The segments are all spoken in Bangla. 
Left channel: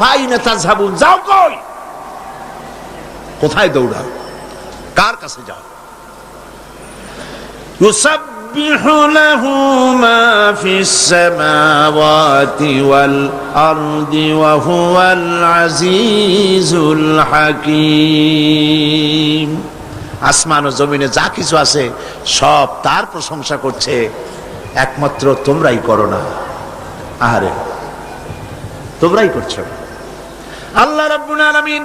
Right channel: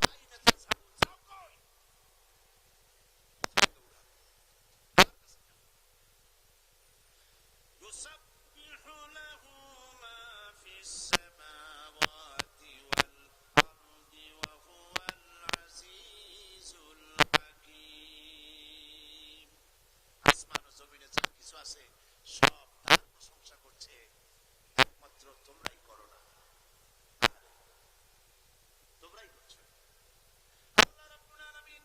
আইনা তাযহাবুন, যাও কই, কোথায় দৌড়াও, কার কাছে যাও? ইউসাব্বিহু লাহু মা ফিস সামাওয়াতি ওয়াল আরদি ওয়া হুয়াল আজিজুল হাকীম। আসমান ও জমিনে যা কিছু আছে সব তার প্রশংসা করছে, একমাত্র তোমরাই করো না। আহারে, তোমরাই করছো। আল্লাহ রাব্বুল আলামিন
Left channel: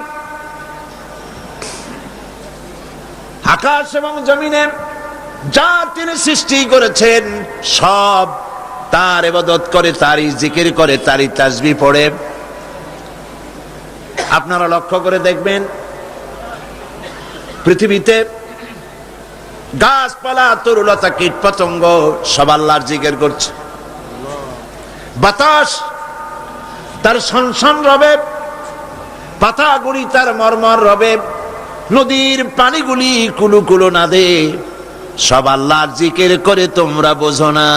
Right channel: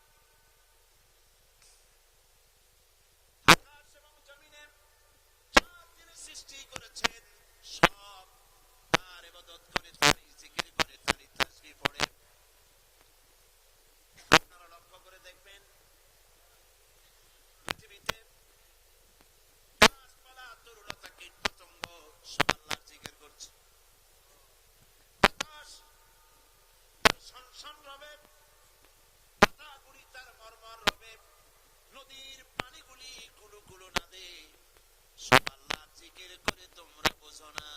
আকাশ এবং জমিনে যা তিনি সৃষ্টি করেছেন সব তার ইবাদত করে, তারই জিকির করে, তারই তাসবিহ পড়ে। আপনারা লক্ষ্য করে দেখবেন পৃথিবীতে গাছপালা, তরুলতা, কীট পতঙ্গ সব আল্লাহর জিকির করছে। বাতাস তার সনসন রবে, পাতাগুলি তার মরমর রবে, নদীর পানিগুলি কুলু কুলু নাদে, সব আল্লাহর জিকির করে, তোমরা বোঝো না।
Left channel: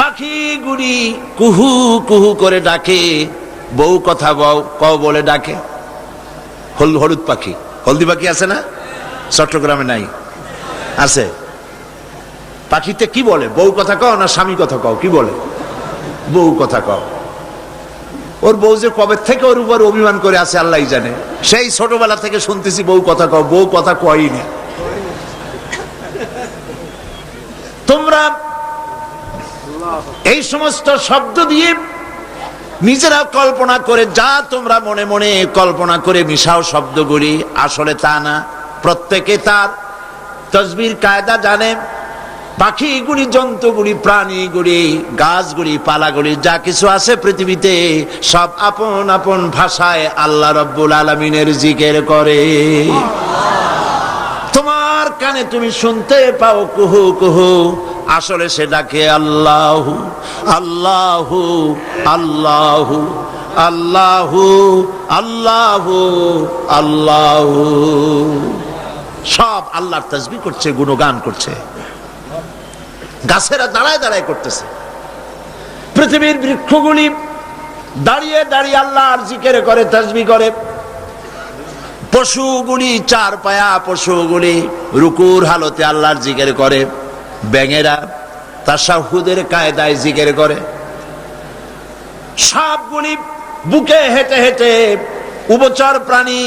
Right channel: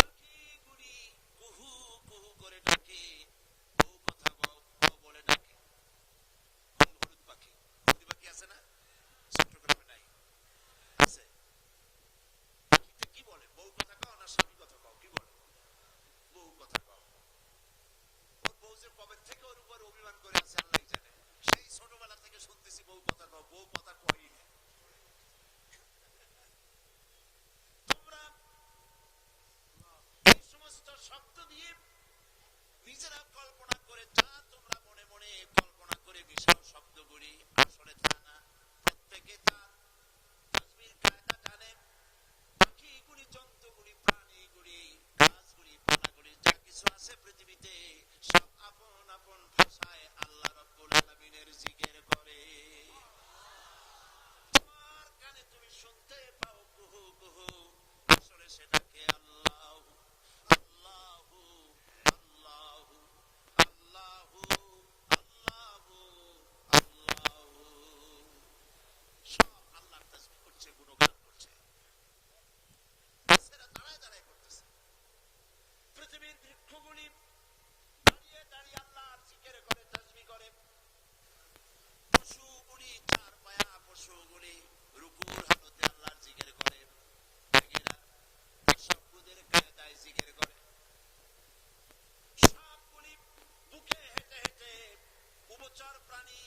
পাখিগুলি কুহু কুহু করে ডাকে, বউ কথা কও বলে ডাকে। হলুদ পাখি, হলদি পাখি আছে না? চট্টগ্রামে নাই, আছে। পাখিতে কি বলে? বউ কথা কও না স্বামী কথা কও? কি বলে? বউ কথা কও। ওর বউ যে কবে থেকে ওর উপর অভিমান করে আছে আল্লাহই জানে। সেই ছোটবেলা থেকে শুনতেছি বউ কথা কও, বউ কথা কয়ই না। তোমরা এই সমস্ত শব্দ দিয়ে নিজেরা কল্পনা করে, যা তোমরা মনে মনে কল্পনা করে মিশাও শব্দগুলি, আসলে তা না। প্রত্যেকে তার তাসবিহর কায়দা জানে। পাখিগুলি, জন্তুগুলি, প্রাণীগুলি, গাছগুলি, পালাগুলি, যা কিছু আছে পৃথিবীতে সব আপন আপন ভাষায় আল্লাহ রাব্বুল আলামিনের জিকির করে। তোমার কানে তুমি শুনতে পাও কুহু কুহু, আসলে সে ডাকে আল্লাহু আল্লাহু আল্লাহু আল্লাহু আল্লাহু আল্লাহু। সব আল্লাহর তাসবিহ করছে, গুণগান করছে। গাছেরা দাঁড়ায় দাঁড়ায় করতেছে, পৃথিবীর বৃক্ষগুলি দাঁড়িয়ে দাঁড়িয়ে আল্লাহর জিকির করে, তাসবিহ করে। পশুগুলি, চার পায়া পশুগুলি রুকুর হালতে আল্লাহর জিকির করে। ব্যাঙেরা তাশাহুদের কায়দায় জিকির করে। সাপগুলি বুকে হেঁটে হেঁটে, উভচর প্রাণী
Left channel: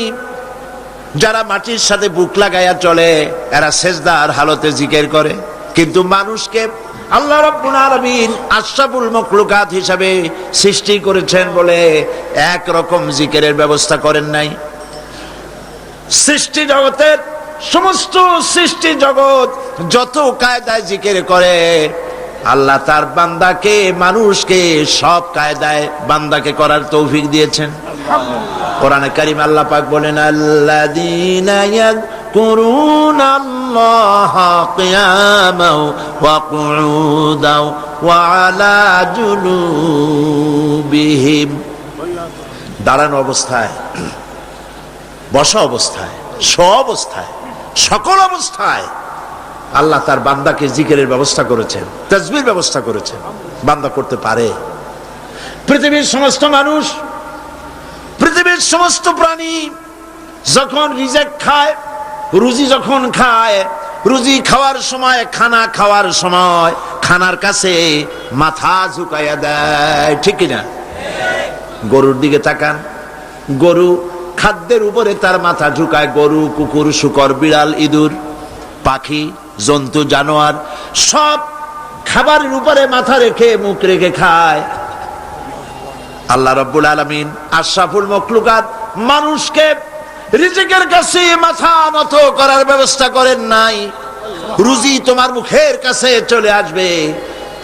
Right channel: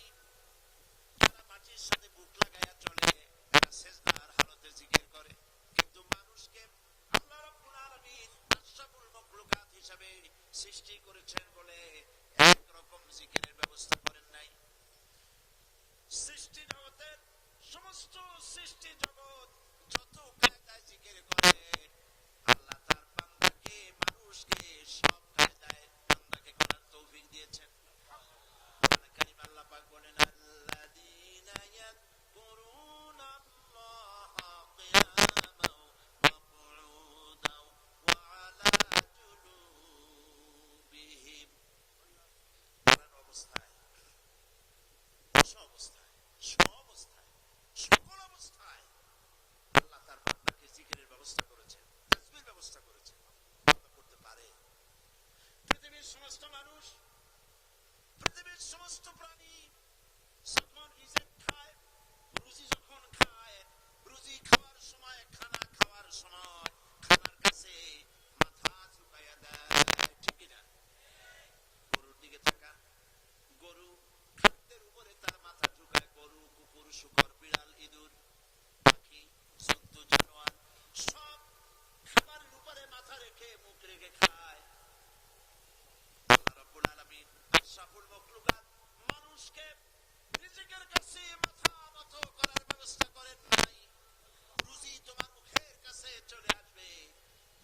যারা মাটির সাথে বুক লাগাইয়া চলে, এরা সেজদার হালতে জিকির করে। কিন্তু মানুষকে আল্লাহ রাব্বুল আলামিন আশরাফুল মাখলুকাত হিসাবে সৃষ্টি করেছেন বলে এক রকম জিকিরের ব্যবস্থা করেন নাই। সৃষ্টি জগতের সমস্ত সৃষ্টি জগৎ যত কায়দায় জিকির করে, আল্লাহ তার বান্দাকে, মানুষকে সব কায়দায় বান্দাকে করার তৌফিক দিয়েছেন। কোরআনে কারীম আল্লাহ পাক বলেন, আল্লাযীনা ইয়াযকুরুনাল্লাহা কিয়ামান ওয়া কুউদান ওয়া আলা জুনুবিহিম। দাঁড়ানো অবস্থায়, বসা অবস্থায়, অবস্থায়, সকল অবস্থায় আল্লাহ তার বান্দাকে জিকিরের ব্যবস্থা করেছেন, তাসবিহর ব্যবস্থা করেছেন। বান্দা করতে পারে। পৃথিবীর সমস্ত মানুষ, পৃথিবীর সমস্ত প্রাণী যখন রিজিক খায়, রুজি যখন খায়, রুজি খাওয়ার সময়, খানা খাওয়ার সময় খানার কাছে মাথা ঝুঁকাইয়া দেয়, ঠিক কিনা? গরুর দিকে তাকান, গরু খাদ্যের উপরে তার মাথা ঝুঁকায়। গরু, কুকুর, শূকর, বিড়াল, ইঁদুর, পাখি, জন্তু, জানোয়ার সব খাবারের উপরে মাথা রেখে, মুখ রেখে খায়। আল্লাহ রাব্বুল আলামিন আশরাফুল মাখলুকাত মানুষকে রিজিকের কাছে মাথা নত করার ব্যবস্থা করেন নাই। রুজি তোমার মুখের কাছে চলে আসবে,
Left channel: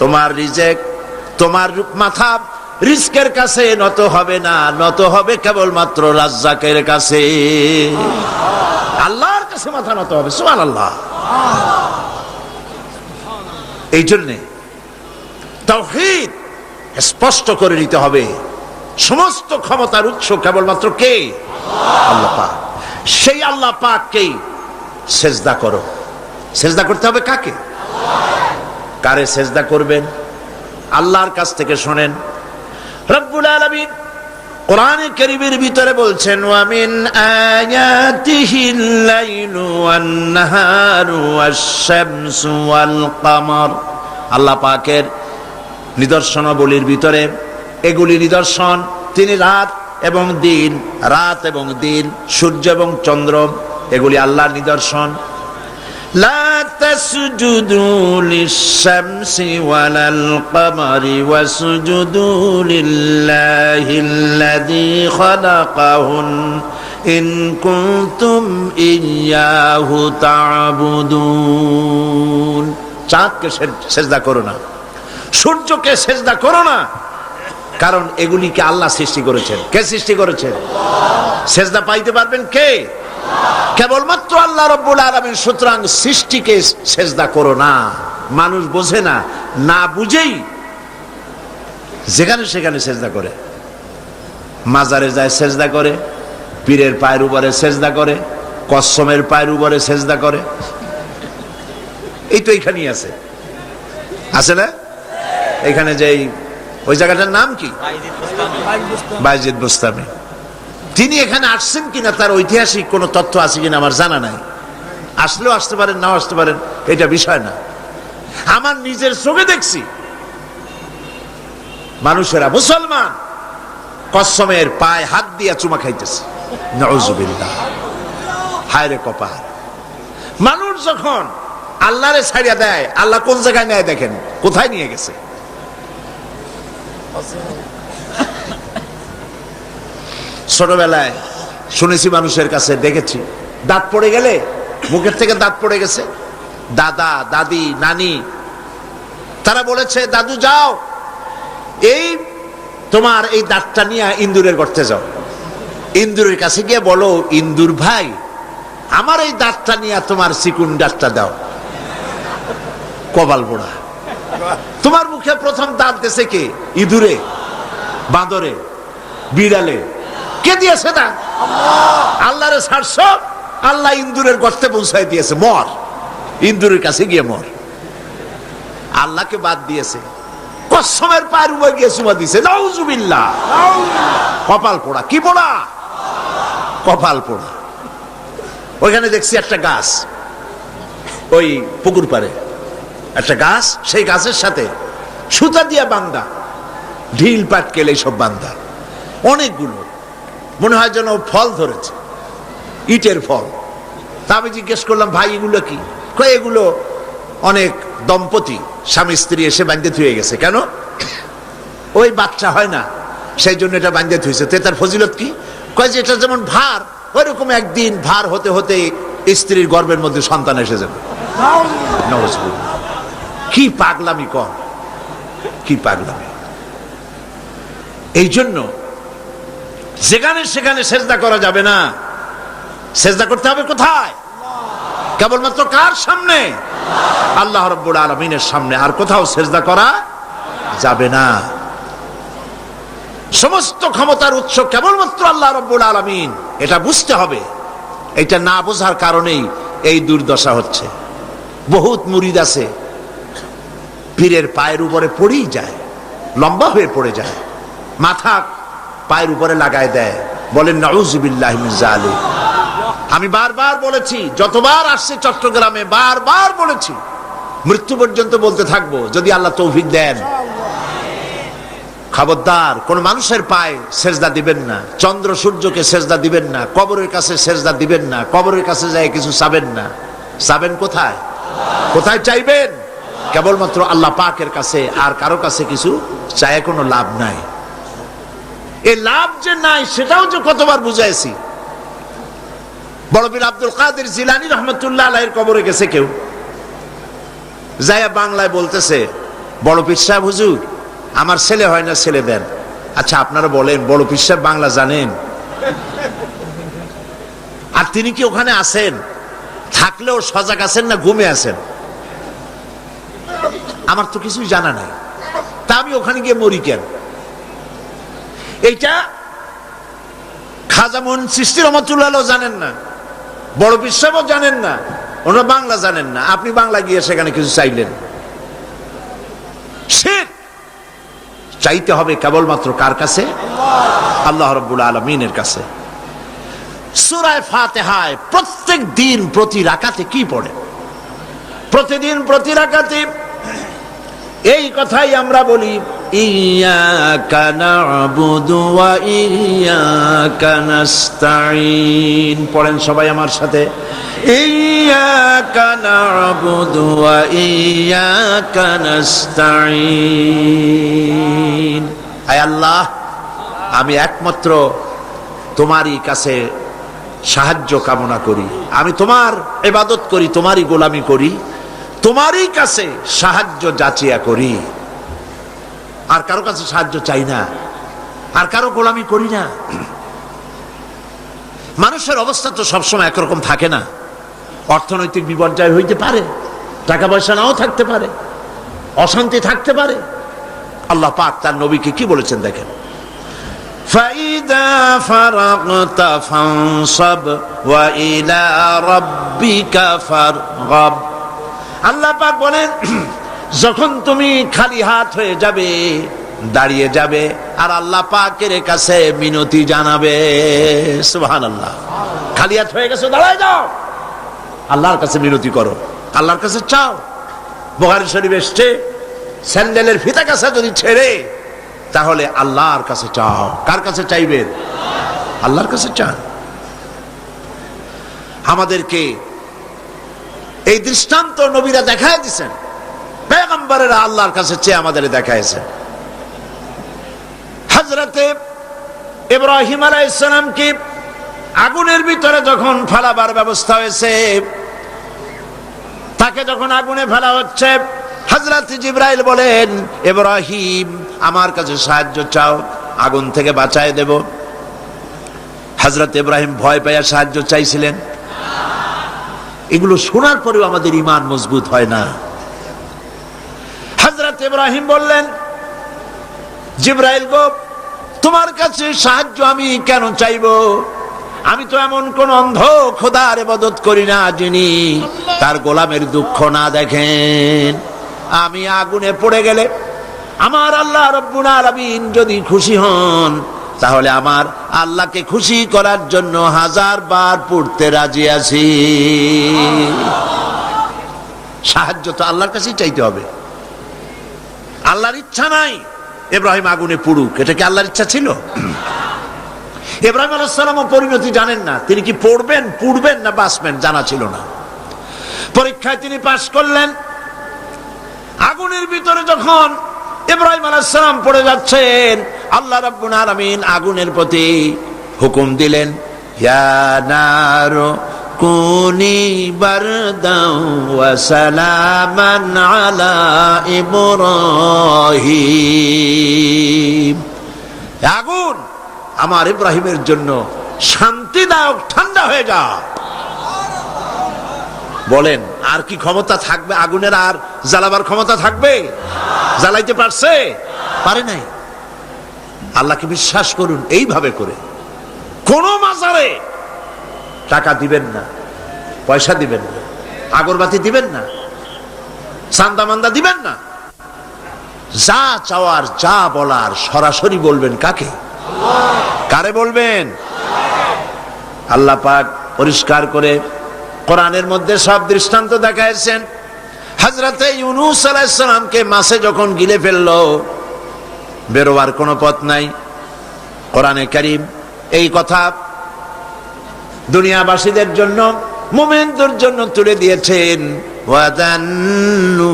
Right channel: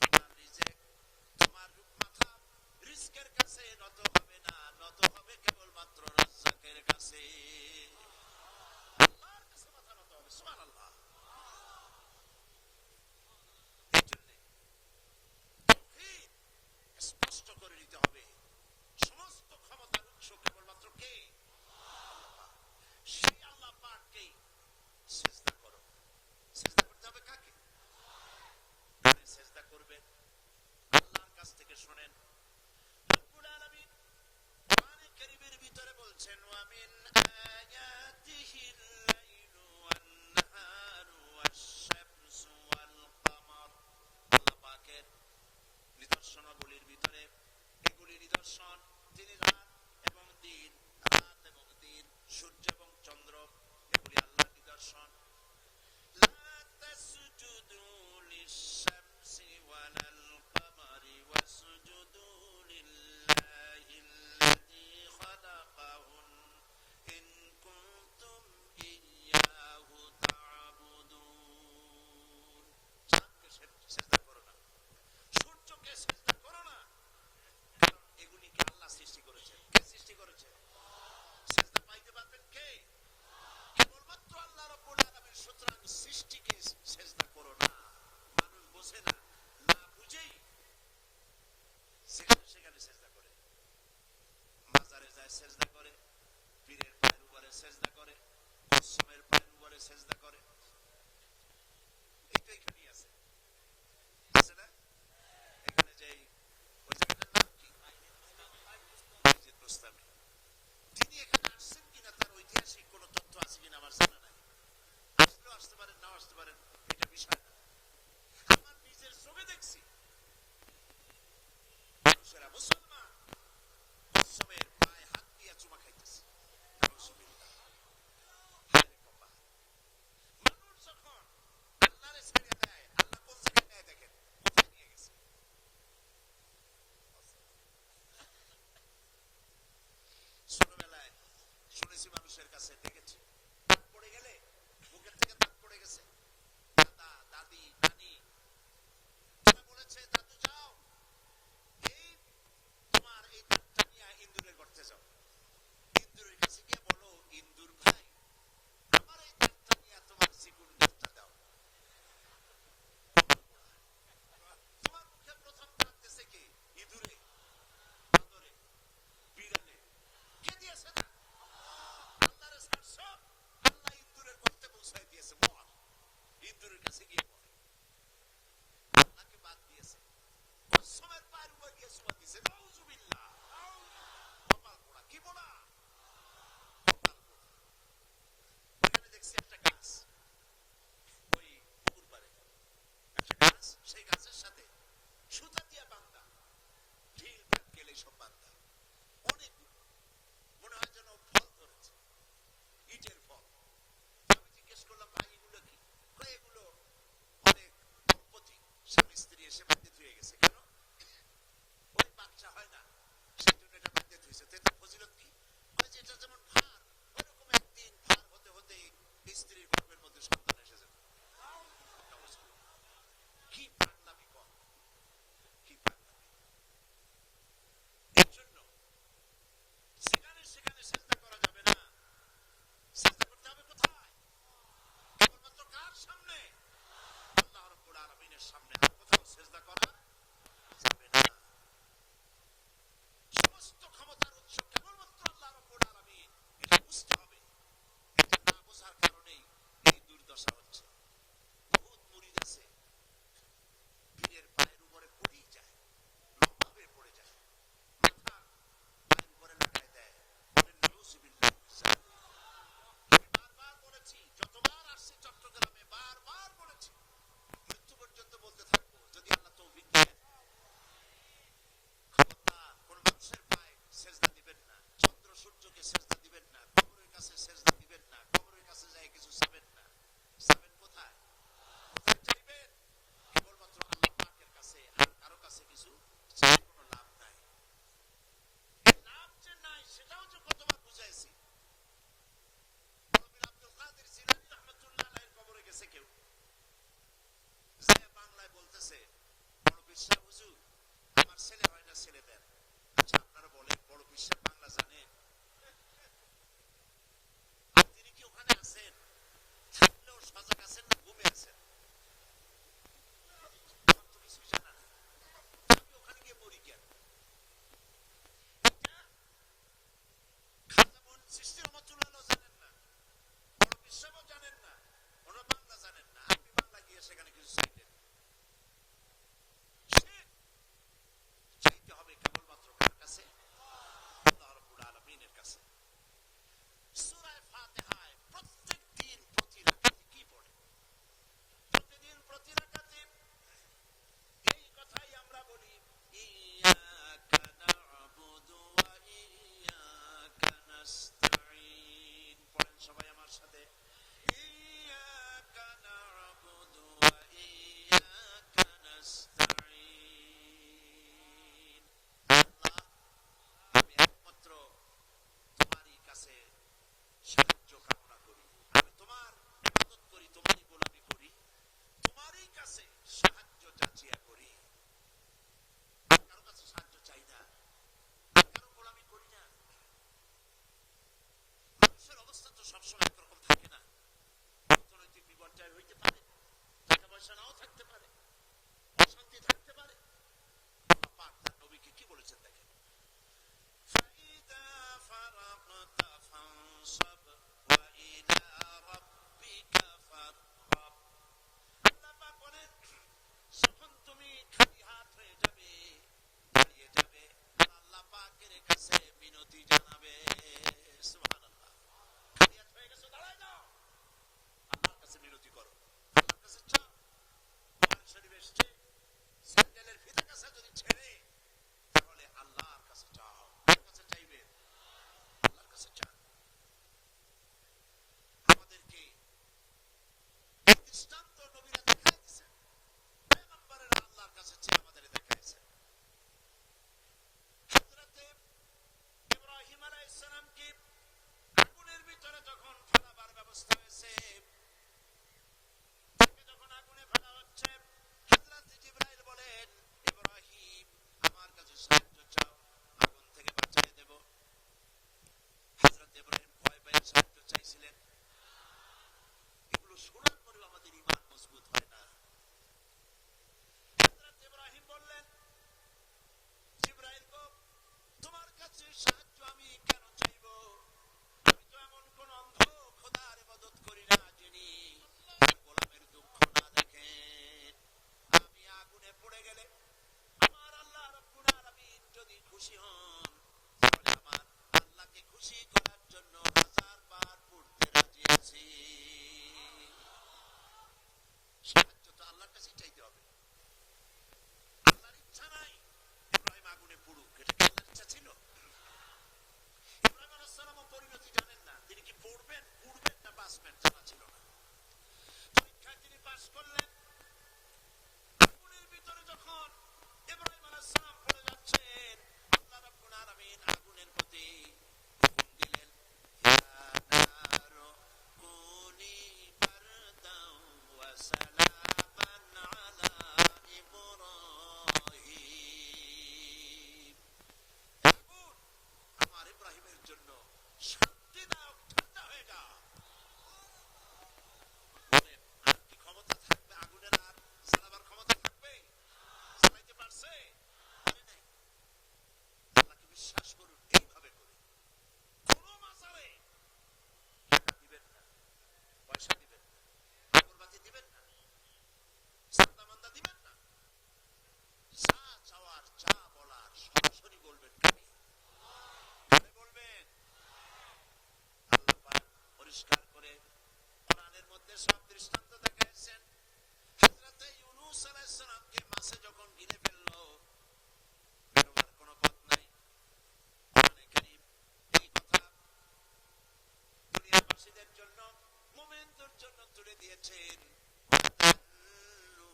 তোমার রিজিক, তোমার মাথা রিজকের কাছে নত হবে না, নত হবে কেবলমাত্র রাজ্জাকের কাছে। আল্লাহর কাছে মাথা নত হবে। সুবহানাল্লাহ। এই জন্যে তাওহীদ স্পষ্ট করে নিতে হবে। সমস্ত ক্ষমতার উৎস কেবলমাত্র কে? আল্লাহ পাক। সেই আল্লাহ পাককেই সেজদা করো। সেজদা করতে হবে কাকে? কারে সেজদা করবেন? আল্লাহর কাছ থেকে শোনেন। রব্বুল আলামিন কোরআনে কারীমের ভিতরে বলছেন ওয়া মিন আয়াতিহিল লাইলু ওয়ান নাহারু ওয়াশ-শামসু ওয়াল কমর। আল্লাহ পাকের নিদর্শনাবলীর ভিতরে এগুলি নিদর্শন, তিনি রাত এবং দিন, সূর্য এবং চন্দ্র, এগুলি আল্লাহর নিদর্শন। লা তাসজুদু লিশ-শামসি ওয়ালাল কমারি ওয়াসজুদু লিল্লাহিল্লাযী খালাকাহুন ইন কুনতুম ইয়্যাহু তা'বুদুন। চাঁদকে সেজদা করো না, সূর্যকে সেজদা করো না, কারণ এগুলিকে আল্লাহ সৃষ্টি করেছেন। কে সৃষ্টি করেছেন? সেজদা পাইতে পারবেন কে? কেবলমাত্র আল্লাহ রাব্বুল আলামিন। সুতরাং সৃষ্টিকে সেজদা করো না। মানুষ বোঝে না, না বুঝেই যেখানে সেখানে সেজদা করে, মাজারে যায় সেজদা করে, পীরের পায়ের উপরে সেজদা করে, কসমের পায়ের উপরে সেজদা করে। এই তো এখানেই আছে, আছে না? এখানে যে ওই জায়গাটার নাম কি? বায়েজিদ বোস্তামি। তিনি এখানে আসছেন কিনা তার ঐতিহাসিক কোন তথ্য আছে কিনা আমার জানা নাই। আসলেও আসতে পারেন, নাও আসতে পারেন, এটা বিষয় না। আমার নিজের চোখে দেখছি মানুষেরা, মুসলমান, কসমের পায়ে হাত দিয়া চুমা খাইতেছে। নাউজুবিল্লাহ। হায় রে কপাল। মানুষ যখন আল্লাহরে ছাড়িয়া দেয়, আল্লাহ কোন জায়গায় নেয় দেখেন, কোথায় নিয়ে গেছে। ছোটবেলায় শুনেছি মানুষের কাছে, দেখেছি, দাঁত পড়ে গেলে, মুখের থেকে দাঁত পড়ে গেছে, দাদা দাদি নানি তারা বলেছে, দাদু যাও, এই তোমার এই দাঁতটা নিয়ে ইন্দুরের গর্তে যাও, ইন্দুরের কাছে গিয়ে বলো, ইন্দুর ভাই আমার এই দাঁতটা নিয়ে তোমার চিকুন দাঁতটা দাও। কপাল পোড়া। তোমার মুখে প্রথম দাঁত দিয়েছে কে? ইঁদুরে, বাঁদরে, বিড়ালে? কে দিয়েছে না? আল্লাহরে ছাড়ছ, আল্লাহ ইন্দুরের গর্তে পৌঁছায় দিয়েছে। মর, ইন্দুরের কাছে গিয়ে মর। আল্লাহকে বাদ দিয়েছে, কসমের পায়ের উপর গিয়ে চুমা দিয়েছে। নাউজুবিল্লাহ। কপাল পোড়া। কি পোড়া? কপাল পোড়া। ওইখানে দেখছি একটা গাছ, ওই পুকুর পাড়ে একটা গাছ, সেই গাছের সাথে সুতা দিয়া বান্দা, ঢিল পাটকেল এইসব বান্দা অনেকগুলো, মনে হয় যেন ফল ধরেছে, ইটের ফল। তা আমি জিজ্ঞেস করলাম, ভাই এগুলো কি? কয় এগুলো অনেক দম্পতি স্বামী স্ত্রী এসে বাঁধতে থুয়ে গেছে। কেন? ওই বাচ্চা হয় না, সেই জন্য এটা বাঁধতে থুয়েছে। তো তার ফজিলত কি? কয় যে এটা যেমন ভার, ওই রকম একদিন ভার হতে হতে স্ত্রীর গর্ভের মধ্যে সন্তান এসে যাবে। কি পাগলামি কর, কি পাগলামি। এই জন্য যেখানে সেখানে সেজদা করা যাবে না। সেজদা করতে হবে কোথায়? কেবলমাত্র কার সামনে? আল্লাহ রাব্বুল আলামিনের সামনে। আর কোথাও সেজদা করা যাবে না। সমস্ত ক্ষমতার উৎস কেবলমাত্র আল্লাহ রাব্বুল আলামিন, এটা বুঝতে হবে। এটা না বোঝার কারণেই এই দুর্দশা হচ্ছে। বহুত মুরিদ আছে পীরের পায়ের উপরে পড়েই যায়, লম্বা হয়ে পড়ে যায়, মাথা পায়ের উপরে লাগায় দেয়, বলেন নাউযুবিল্লাহি মিন যালিক। আমি বারবার বলেছি, যতবার আসছে চট্টগ্রামে বারবার বলেছি, মৃত্যু পর্যন্ত বলতে থাকবো যদি আল্লাহ তৌফিক দেন। খবরদার কোন মানুষের পায়ে সেজদা দিবেন না, চন্দ্র সূর্যকে সেজদা দিবেন না, কবরের কাছে সেজদা দিবেন না, কবরের কাছে যায় কিছু চাবেন না। চাবেন কোথায়? কোথায় চাইবেন? কেবলমাত্র আল্লাহ পাকের কাছে। আর কারো কাছে কিছু চায় কোনো লাভ নাই। এই লাভ যে নাই সেটাও যে কতবার বুঝাইছি। বড় পীর আব্দুল কাদের জিলানী রহমতুল্লাহ আলাইহির কবরে গেছে কেউ, যায়া বাংলায় বলতেছে, বড় পীর সাহেব হুজুর আমার ছেলে হয় না, ছেলে দেন। আচ্ছা আপনারা বলেন, বড় পীর সাহেব বাংলা জানেন? আর তিনি কি ওখানে আছেন? থাকলেও সজাগ আছেন না ঘুমে আছেন? আমার তো কিছুই জানা নাই, তা আমি ওখানে গিয়ে মরি কেন? এইটা খাজা মুইন চিশতি রহমাতুল্লাহ জানেন না, বড় পীর সাহেবও জানেন না, ওনারা বাংলা জানেন না। আপনি বাংলা গিয়ে সেখানে কিছু চাইলেন। শিরক। চাইতে হবে কেবলমাত্র কার কাছে? আল্লাহ রাব্বুল আলামিনের কাছে। সূরা ফাতিহায় প্রত্যেক দিন প্রতি রাকাতে কি পড়ে? প্রতিদিন প্রতি রাকাতে এই কথাই আমরা বলি, ইয়্যাকা না'বুদু ওয়া ইয়্যাকা নাস্তাঈন। পড়েন সবাই আমার সাথে, ইয়্যাকা না'বুদু ওয়া ইয়্যাকা নাস্তাঈন। আয় আল্লাহ, আমি একমাত্র তোমারই কাছে সাহায্য কামনা করি, আমি তোমার ইবাদত করি, তোমারই গোলামি করি, তোমারই কাছে সাহায্য যাচিয়া করি, আর কারো কাছে সাহায্য চাই না, আর কারো গোলামি করি না। মানুষের অবস্থা তো সবসময় একরকম থাকে না, অর্থনৈতিক বিপর্যয় হইতে পারে, টাকা পয়সা নাও থাকতে পারে, অশান্তি থাকতে পারে। আল্লাহ পাক তার নবীকে কি বলেছেন দেখেন, فَإِذَا فَرَغْتَ فَانصَبْ وَإِلَى رَبِّكَ فَارْغَب। আল্লাহ পাক বলেন, যখন তুমি খালি হাত হয়ে যাবে, দাঁড়িয়ে যাবে, আর আল্লাহ পাকের কাছে মিনতি জানাবে। সুবহানাল্লাহ। খালি হাত হয়ে গেছো, দাঁড়ায় যাও, আল্লাহর কাছে মিনতি করো, আল্লাহর কাছে চাও। বুখারী শরীফ এসেছে, স্যান্ডেলের ফিতা কাছে যদি ছেড়ে, তাহলে আল্লাহর কাছে চাও। কার কাছে চাইবেন? আল্লাহর কাছে চান। আমাদেরকে এই দৃষ্টান্ত নবীরা দেখায় দিয়েছেন, পয়গম্বরেরা আল্লাহর কাছে চেয়ে আমাদের দেখাইছে। হযরতে ইব্রাহিম আলাইহিস সালামকে আগুনের ভিতরে যখন ফেলাবার ব্যবস্থা হয়েছে, তাকে যখন আগুনে ফেলা হচ্ছে, হযরত জিবরাইল বলেন, ইব্রাহিম আমার কাছে সাহায্য চাও, আগুন থেকে বাঁচায় দেব। হযরত ইব্রাহিম ভয় পাইয়া সাহায্য চাইছিলেন। এগুলো শোনার পরেও আমাদের ঈমান মজবুত হয় না। হযরত ইব্রাহিম বললেন, জিবরাইল গো, তোমার কাছে সাহায্য আমি কেন চাইবো? আমি তো এমন কোন অন্ধ খোদার ইবাদত করি না যিনি তার গোলামের দুঃখ না দেখেন। আমি আগুনে পড়ে গেলে আমার আল্লাহ রাব্বুল আলামিন যদি খুশি হন, তাহলে আমার আল্লাহকে খুশি করার জন্য 1000 বার পড়তে রাজি আছি। সাহায্য তো আল্লাহর কাছেই চাইতে হবে। আল্লাহর ইচ্ছা নাই ইব্রাহিম আগুনে পুড়ুক, এটা কি আল্লাহর ইচ্ছা ছিল? ইব্রাহিম আলাইহিস সালামও পরিণতি জানেন না, তিনি কি পড়বেন, পুড়বেন না বাঁচবেন জানা ছিল না। পরীক্ষায় তিনি পাশ করলেন। আগুনের ভিতরে যখন ইব্রাহিম আলাইহিস সালাম পড়ে যাচ্ছেন, আল্লাহ রাব্বুল আলামিন আগুনের প্রতি হুকুম দিলেন, ইয়া নারু কুনি বারদাও ওয়া সালামান আলা ইব্রাহিম। আগুন আমার ইব্রাহিমের জন্য শান্তিদায়ক ঠান্ডা হয়ে যা। বলেন, আর কি ক্ষমতা থাকবে আগুনের? আর জ্বালাবার ক্ষমতা থাকবে? জ্বালাইতে পারছে? পারে নাই। আল্লাহকে বিশ্বাস করুন এইভাবে করে। কোন মাজারে টাকা দিবেন না, পয়সা দিবেন না, আগরবাতি দিবেন না, চান্দা মান্দা দিবেন না। যা চাওয়ার, যা বলার সরাসরি বলবেন। কাকে? কারে বলবেন? আল্লাহ পাক পরিষ্কার করে কোরআনের মধ্যে সব দৃষ্টান্ত দেখাইছেন। হযরতে ইউনূস আলাইহিস সালামকে মাছে যখন গিলে ফেললো, বেরোবার কোনো পথ নাই, কোরআনে কারীম এই কথা দুনিয়াবাসীদের জন্য, মুমিনদের জন্য তুলে দিয়েছেন। ওয়াযান্নুন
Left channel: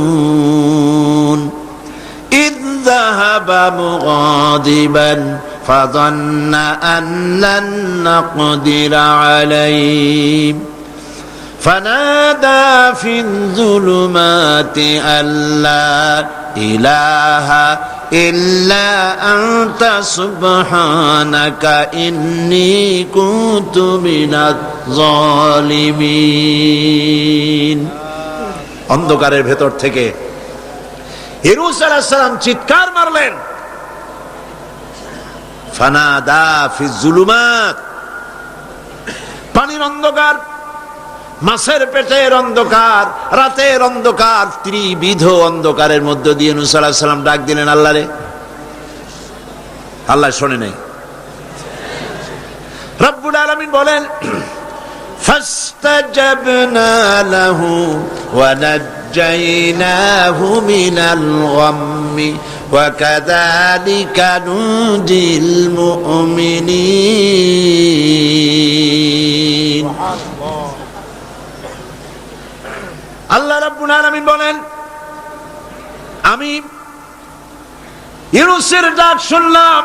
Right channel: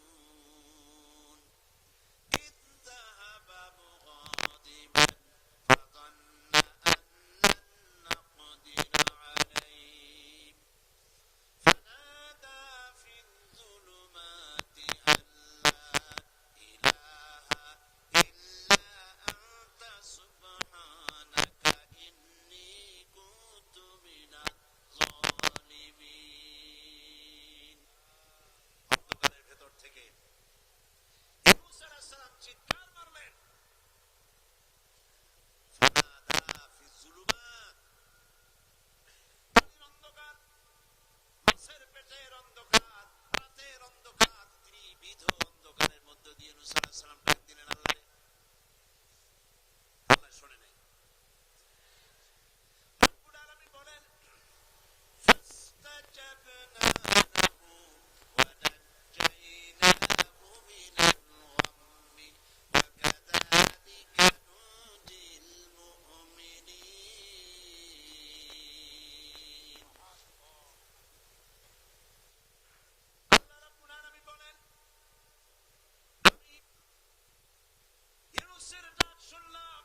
ইয যাহাবা মুগাদিবান ফাযান্না আন লান নাকদিরা আলাইহি فنادى في الظلمات أن لا إله إلا أنت سبحانك إني كنت من الظالمين। অন্ধকারের ভেতর থেকে ইউনূস আলাইহিস সালাম চিৎকার মারলেন, ফানাদা ফি যুলুমাত, পানির অন্ধকার, মাছের পেটের অন্ধকার, রাতের অন্ধকার, ত্রিবিধ অন্ধকারের মধ্য দিয়ে ইউনূস আলাইহিস সালাম ডাক দিলেন আল্লাহরে। আল্লাহ শোনে নাই। রব্বুল আলামিন বলেন ফাস্তাজাবনা লাহু ওয়া নাজ্জাইনাহু মিনাল গাম্মি ওয়া কাযালিকা নুজিল মুমিনিন। আল্লাহ রাব্বুল আলামিন বলেন আমি ইউনূসের ডাক শুনলাম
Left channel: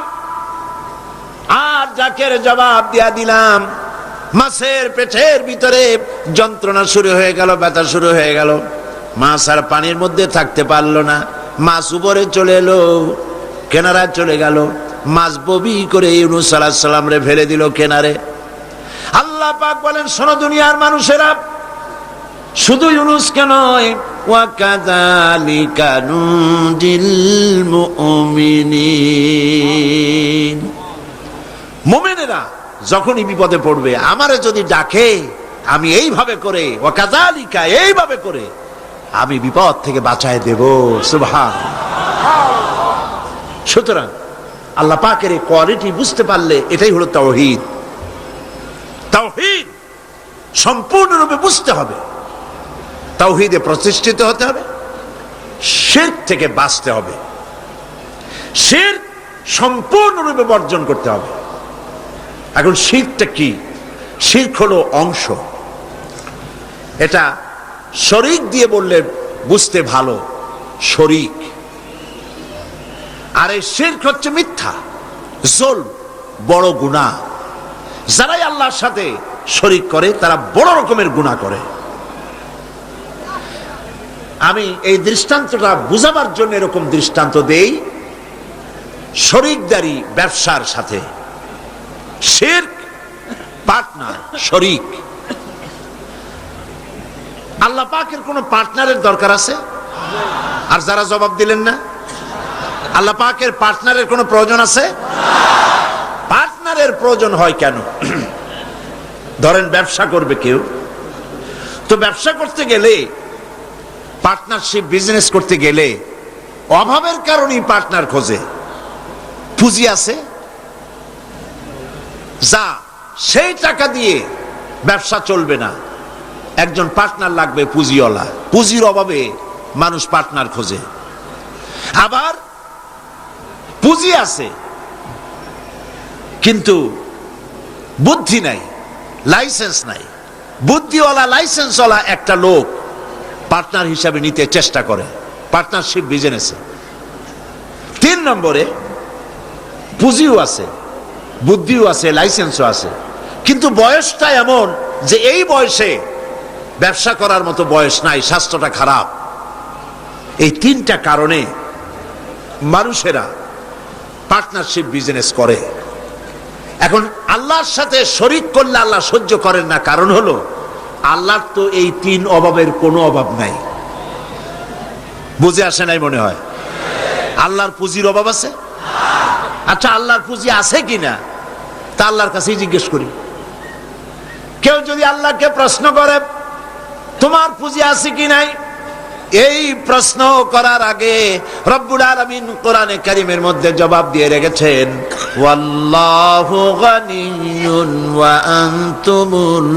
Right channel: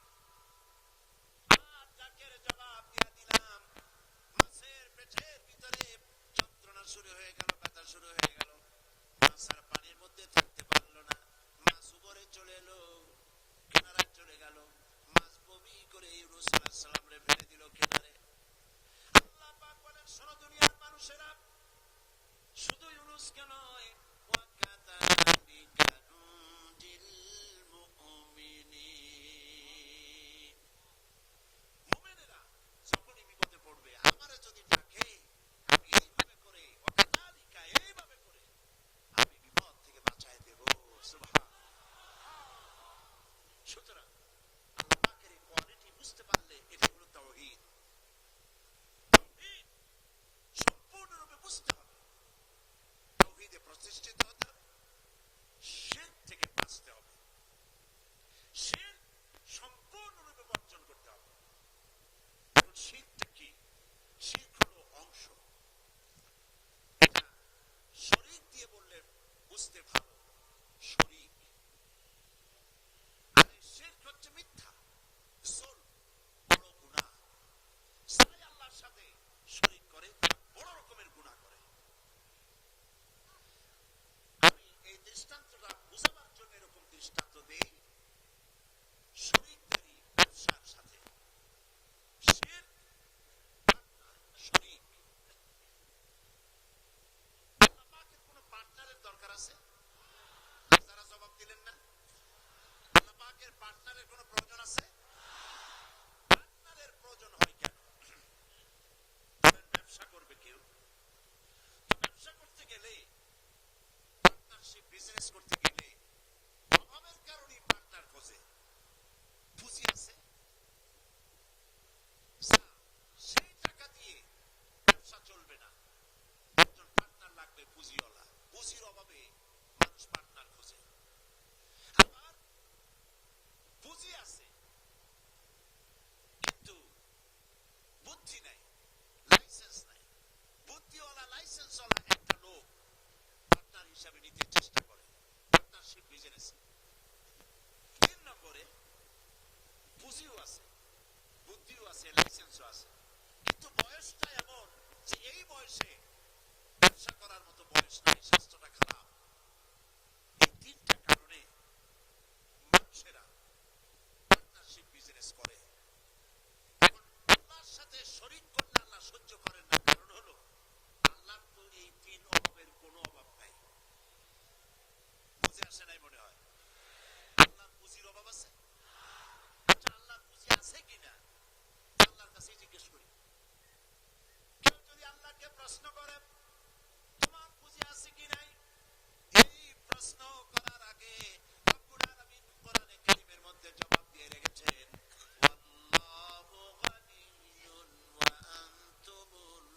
আর ডাকের জবাব দিয়া দিলাম। মাছের পেটের ভিতরে যন্ত্রণা শুরু হয়ে গেল, ব্যথা শুরু হয়ে গেল। মাছ আর পানির মধ্যে থাকতে পারলো না। মাছ উপরে চলে এলো, কেনারায় চলে গেল। মাছ ববি করে ইউনূস আলাইহিস সালাম রে ফেলে দিল কেনারে। আল্লাহ পাক বলেন শোনো দুনিয়ার মানুষেরা, শুধু ইউনূসকে নয়, ওয়া কাযালিকা নুজিল মুমিনিন। মুমিনেরা যখনই বিপদে পড়বে আমারে যদি ডাকে, আমি এইভাবে করে, ওয়া কাযালিকা এইভাবে করে আমি বিপদ থেকে বাঁচায় দেব। সুবহানাল্লাহ। সুতরাং আল্লাহ পাকের এই কোয়ালিটি বুঝতে পারলে এটাই হলো তাওহীদ। তাওহীদ সম্পূর্ণরূপে বুঝতে হবে, তাওহীদে প্রতিষ্ঠিত হতে হবে, শিরক থেকে বাঁচতে হবে, শিরক সম্পূর্ণরূপে বর্জন করতে হবে। এখন শিরকটা কি? শিরক হলো অংশ। এটা শরীক দিয়ে বললে বুঝতে ভালো, শরীক। আর এই শিরক হচ্ছে মিথ্যা, জুলম, বড় গুনাহ। যারাই আল্লাহর সাথে শরীক করে তারা বড় রকমের গুনাহ করে। আমি এই দৃষ্টান্তটা বুঝাবার জন্য এরকম দৃষ্টান্ত দেই। শরীকদারি ব্যবসার সাথে, শিরক পার্টনার, শরীক। আল্লাহ পাকের কোন পার্টনারের দরকার আছে? আর যারা জবাব দিলেন না, আল্লাহ পাকের পার্টনারের কোনো প্রয়োজন আছে? পার্টনারের প্রয়োজন হয় কেন? ধরেন ব্যবসা করবে কেউ, তো ব্যবসা করতে গেলে, পার্টনারশিপ বিজনেস করতে গেলে অভাবের কারণেই পার্টনার খোঁজে। পুঁজি আছে যা, সেই টাকা দিয়ে ব্যবসা চলবে না, একজন পার্টনার লাগবে পুঁজিওয়ালা। পুঁজির অভাবে মানুষ পার্টনার খোঁজে। আবার পুঁজি আছে কিন্তু বুদ্ধি নাই, লাইসেন্স নাই। বুদ্ধিওয়ালা লাইসেন্সওয়ালা একটা লোক পার্টনার হিসাবে নিতে চেষ্টা করে পার্টনারশিপ বিজনেসে। 3 নম্বরে পুঁজিও আছে, বুদ্ধিও আছে, লাইসেন্সও আছে, কিন্তু বয়সটা এমন যে এই বয়সে ব্যবসা করার মতো বয়স নাই, স্বাস্থ্যটা খারাপ। এই 3টা কারণে মানুষেরা পার্টনারশিপ বিজনেস করে। এখন আল্লাহর সাথে শরীক করলে আল্লাহ সহ্য করেন না, কারণ হলো আল্লাহর তো এই 3 অভাবের কোনো অভাব নাই। বুঝে আসে নাই মনে হয়? আল্লাহর পুঁজির অভাব আছে? আচ্ছা, আল্লাহর পুঁজি আছে কিনা তা আল্লাহর কাছেই জিজ্ঞেস করি। কেউ যদি আল্লাহকে প্রশ্ন করে তোমার পুঁজি আছে কি নাই, এই প্রশ্ন করার আগে রব্বুল আলামিন কোরআনে কারীমের মধ্যে জবাব দিয়ে রেখেছেন, ওয়াল্লাহু গানিয়্যুন ওয়া আনতুমুল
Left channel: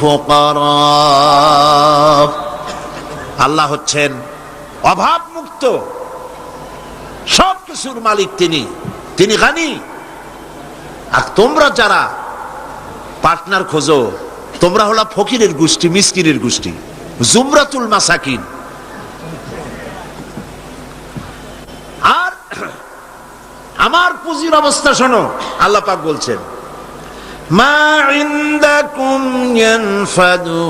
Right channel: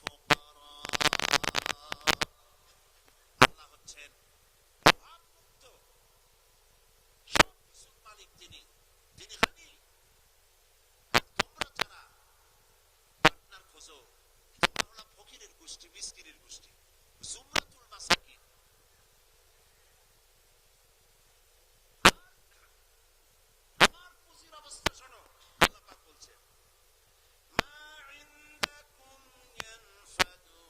ফুকারা। আল্লাহ হচ্ছেন অভাব মুক্ত, সবকিছুর মালিক তিনি, তিনি গানি। আর তোমরা যারা পার্টনার খোঁজো, তোমরা হলো ফকিরের গোষ্ঠী, মিসকিনের গোষ্ঠী, জুমরাতুল মাসাকিন। আর আমার পুঁজির অবস্থা শোনো, আল্লাহ পাক বলছেন, মা ইনদাকুম ইয়ানফাদু